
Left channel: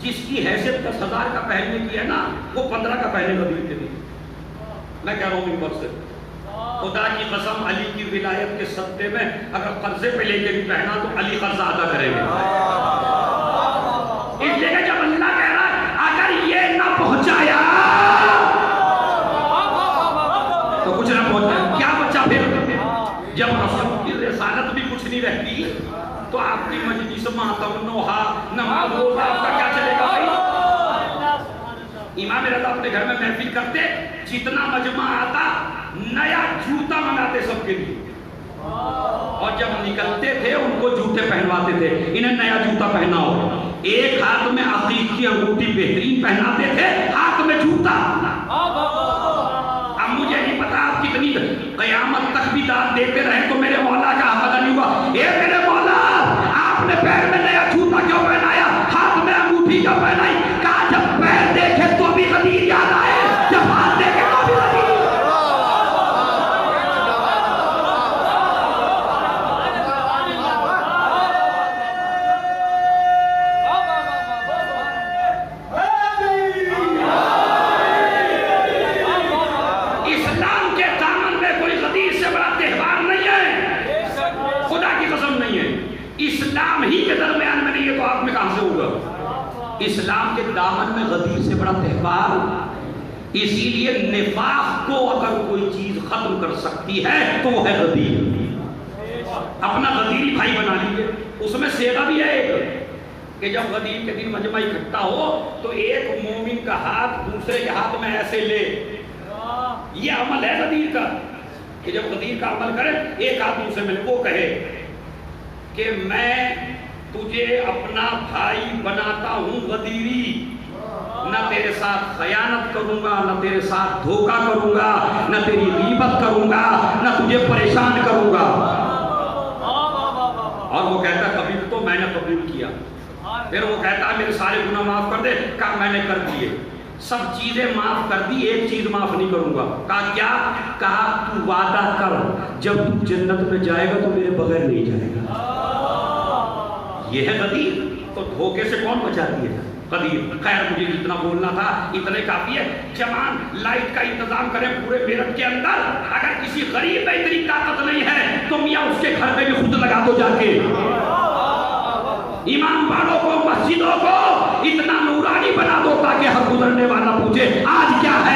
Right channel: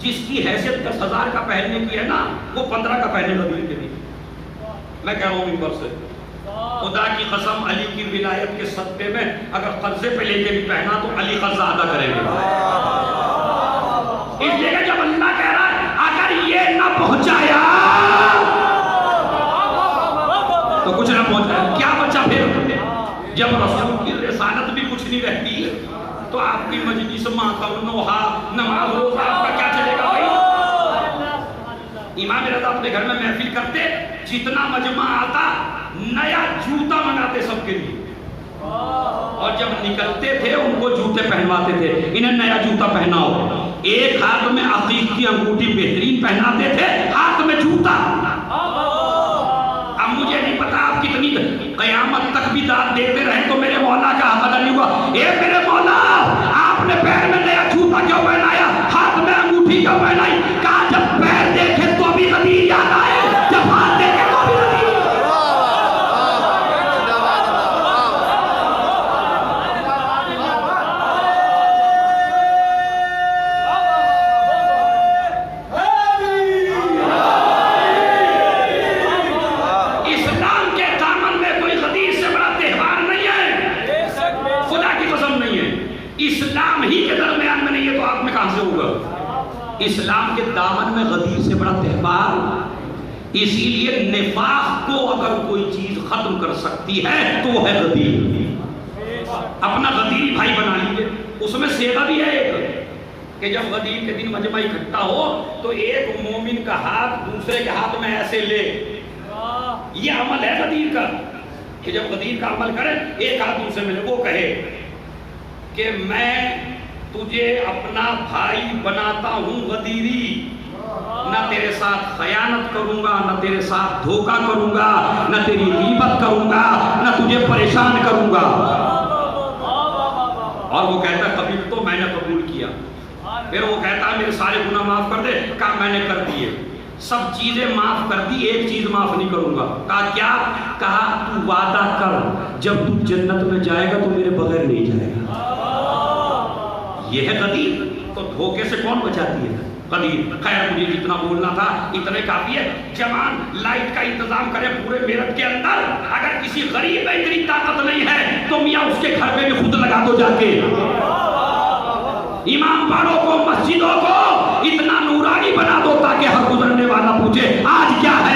جس کی حیثیت 10,000 کا پہننے کی ہے نا, وہ 15 کا پہنے غدیر کے لیے. میں کہہ رہا ہوں ممبر سے, خدا کی قسم علی کی ولایت کے صدقے میں اگر قرضے پہ لے کے بھی پہنا تو علی قرضہ ادا کریں گے. اس لیے جب اللہ کہہ رہا ہے اگر یہ نہ پہنچایا تو کچھ نہ پہنچایا, کیا بچا پھر؟ جب رسول کی رسالت بھی کچھ نہیں رہتی تو آپ کی مجلس ماتم نوحہ نماز روزہ آپ کا کیا چلے گا بھائی؟ امام رضا اپنے گھر میں محفل کرتے, جتنا مجمع آتا نیا جوتا منگاتے سب کے لیے, اور جب نکلتے تھے ان کو جوتے پہنواتے تھے, انہیں نیا جوتا پہناؤ. ایک ہاتھ میں عقیق کی انگوٹھی بہترین پہناتے تھے, ہاتھ میں جوتا. اب مجھے نہیں پتا آپ کتنی قیامت تک بھی داد دیتے رہے تو میرے مولا کا حق ادا نہیں ہوا. اے میرے مولا, آپ نے پیر میں نیا جوتا کیوں پہنایا, ہاتھ میں انگوٹھی کیوں پہنائی؟ کہا جب پیر دیکھے تو بھی غدیر یاد آئے, جب ہاتھ دیکھے تو بھی غدیر. اسلام کے دامن میں غدیر سے بڑا تہوار. اسی لیے نفاق کو اگر کوئی چیز ختم کر سکتی ہے تو وہ ہے غدیر. اپنا غدیری بھائی بنا لیجیے. اس میں سیدھا بھی ہے ایک کہ جب غدیر کے دن مجمع اکٹھا ہو تو ایک مومن کا ہاتھ دوسرے کے ہاتھ میں ایسے لے. یہ عمل ہے غدیر کا کہ جب غدیر کا عمل کرے ایک ہاتھ دوسرے میں لے, وہ کہے کہ میں تجھے اپنا بھائی بناتا ہوں غدیری, نہ تیرے ساتھ خیانت کروں گا, نہ تیرے ساتھ دھوکہ کروں گا, نہ تیری غیبت کروں گا, نہ تجھے پریشان کروں گا. اور وہ کہتا ہے قبول تو میں نے قبول کیا. پھر وہ کہتا ہے میرے سارے گناہ معاف کر دے. کہا میں نے کر دیے, سب چیزیں معاف کر دی, ایک چیز معاف نہیں کروں گا. کہا کیا؟ کہا تو وعدہ کر جب تو جنت میں جائے گا تو میرے بغیر نہیں جائے گا. یہ ہے غدیر. تو دھوکے سے کون بچاتی ہے غدیر؟ خیر مجھے جتنا بولنا تھا اتنے کافی ہے. جوان لائٹ کا انتظام کریں پورے میرٹھ کے اندر. اگر کسی غریب میں اتنی طاقت نہیں ہے تو میاں اس کے گھر پہ بھی خود لگا دو جا کے. امام باڑوں کو, مسجدوں کو اتنا نورانی بنا دو تاکہ ہر گزرنے والا پوچھے آج کیا ہے.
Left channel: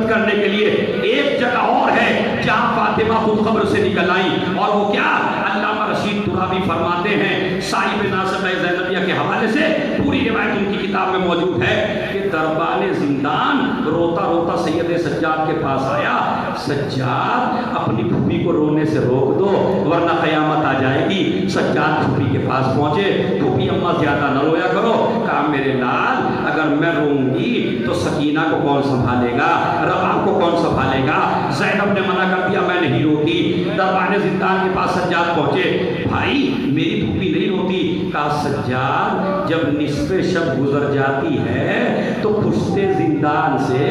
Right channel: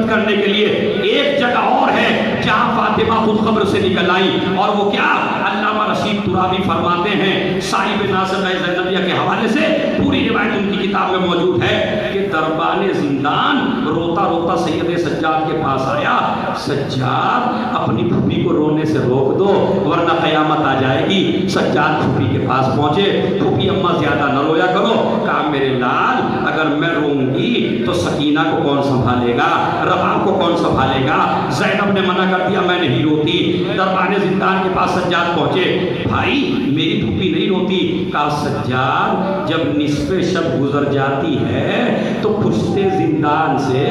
غنیمت کرنے کے لیے۔ ایک جگہ اور ہے جہاں فاطمہ خود قبر سے نکل آئی، اور وہ کیا؟ علامہ رشید ترابی فرماتے ہیں صاحب ناصر زینبیہ کے حوالے سے، پوری روایت ان کی کتاب میں موجود ہے کہ دربان زندان روتا روتا سید سجاد کے پاس آیا، سجاد اپنی پھوپھی کو رونے سے روک دو ورنہ قیامت آ جائے گی۔ سجاد پھوپھی کے پاس پہنچے، پھوپھی اماں زیادہ نہ رویا کرو، کہا میرے لال اگر میں روؤں گی تو سکینہ کو کون سنبھالے گا، رباب کو کون سنبھالے گا؟ زینب نے منع کر دیا میں نہیں روتی۔ دربان زندان کے پاس سجاد پہنچے، بھائی میری پھوپھی نہیں روتی۔ کہا سجاد جب نصف شب گزر جاتی ہے تو پشتے زندان سے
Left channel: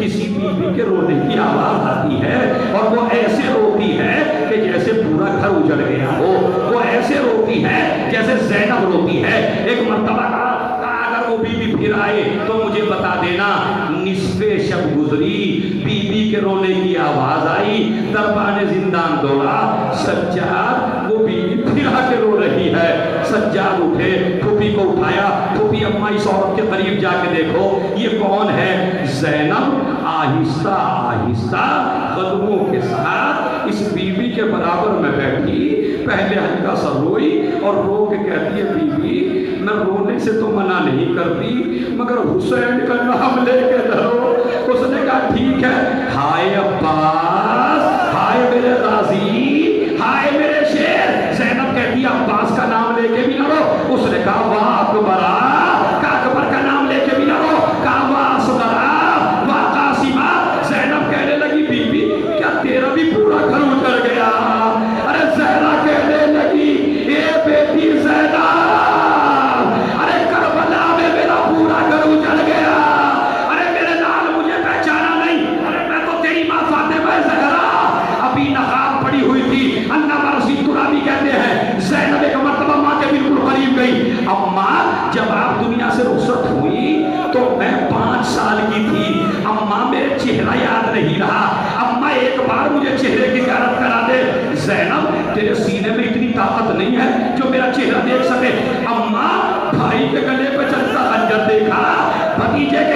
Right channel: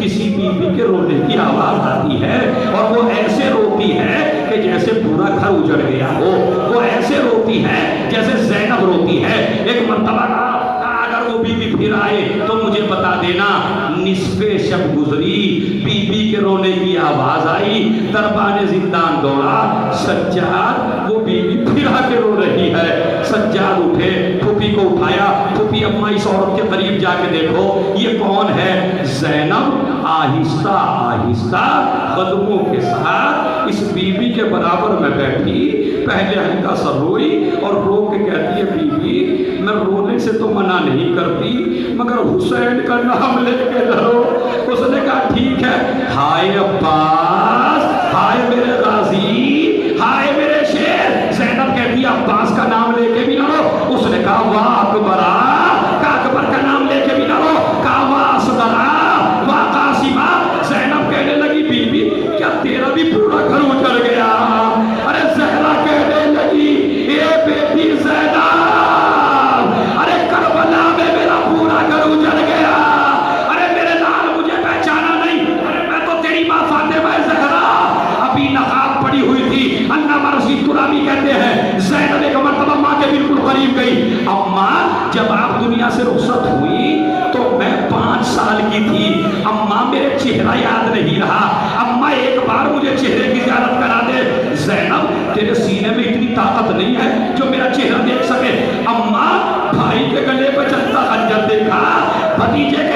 کسی بیوی کے رونے کی آواز آتی ہے، اور وہ ایسے روتی ہے کہ جیسے پورا گھر اجڑ گیا ہو، وہ ایسے روتی ہے جیسے زینب روتی ہے۔ ایک مرتبہ کہا اگر وہ بیوی پھر آئے تو مجھے بتا دینا۔ نصف شب گزری، بیوی کے رونے کی آواز آئی، دربان زندان دوڑا، سجاد وہ بیوی پھر آ کے رو رہی ہے۔ سجاد اٹھے، پھوپھی کو اٹھایا، پھوپھی اماں اس عورت کے قریب جا کے دیکھو یہ کون ہے؟ زینب آہستہ آہستہ قدموں کے ساتھ اس بیوی کے برابر میں بیٹھی، پہلے ہلکا سا روئی اور رو کے کہتی ہے بیوی میں رونے سے تو منع نہیں کرتی مگر حسین کا نام لے کے رو۔ اس نے کہا ٹھیک ہے، ہائے عباس، ہائے میرے غازی، ہائے میرے شیر۔ زینب کہتی ہے عباس کا نام لے کے بھی نہ رو۔ اس نے کہا واہ اکبرا، کہا اکبر کا نام لے کے بھی نہ رو، کہا واہ اصغرا، واہ قاسمہ۔ زینب کہنے لگی بیوی کیا تیرا بھی پورا گھر اجڑ گیا؟ ارے زہرا کہنے لگی اے بیٹی زینب، ارے کربلا میں میرا پورا گھر اجڑ گیا، ارے میرے لال مجھے پہچانا نہیں، ارے میں تو تیری ماں فاطمہ زہرا۔ ابھی نقاب پڑی ہوئی تھی۔ علامہ رشید ترابی کہتے ہیں زینب ایک مرتبہ ماں کے بالکل قریب گئی، اماں جب آپ دنیا سے رخصت ہوئی تو میں 5 سال کی تھی، اماں میرے چہرہ یاد نہیں رہا، اماں ایک بار مجھے چہرے کی زیارت کرا دے۔ زینب تیرے سینے میں اتنی طاقت نہیں ہے جو میرا چہرہ دیکھ سکے؟ اماں بھائی کے گلے پہ چلتا خنجر دیکھا، بھتیجے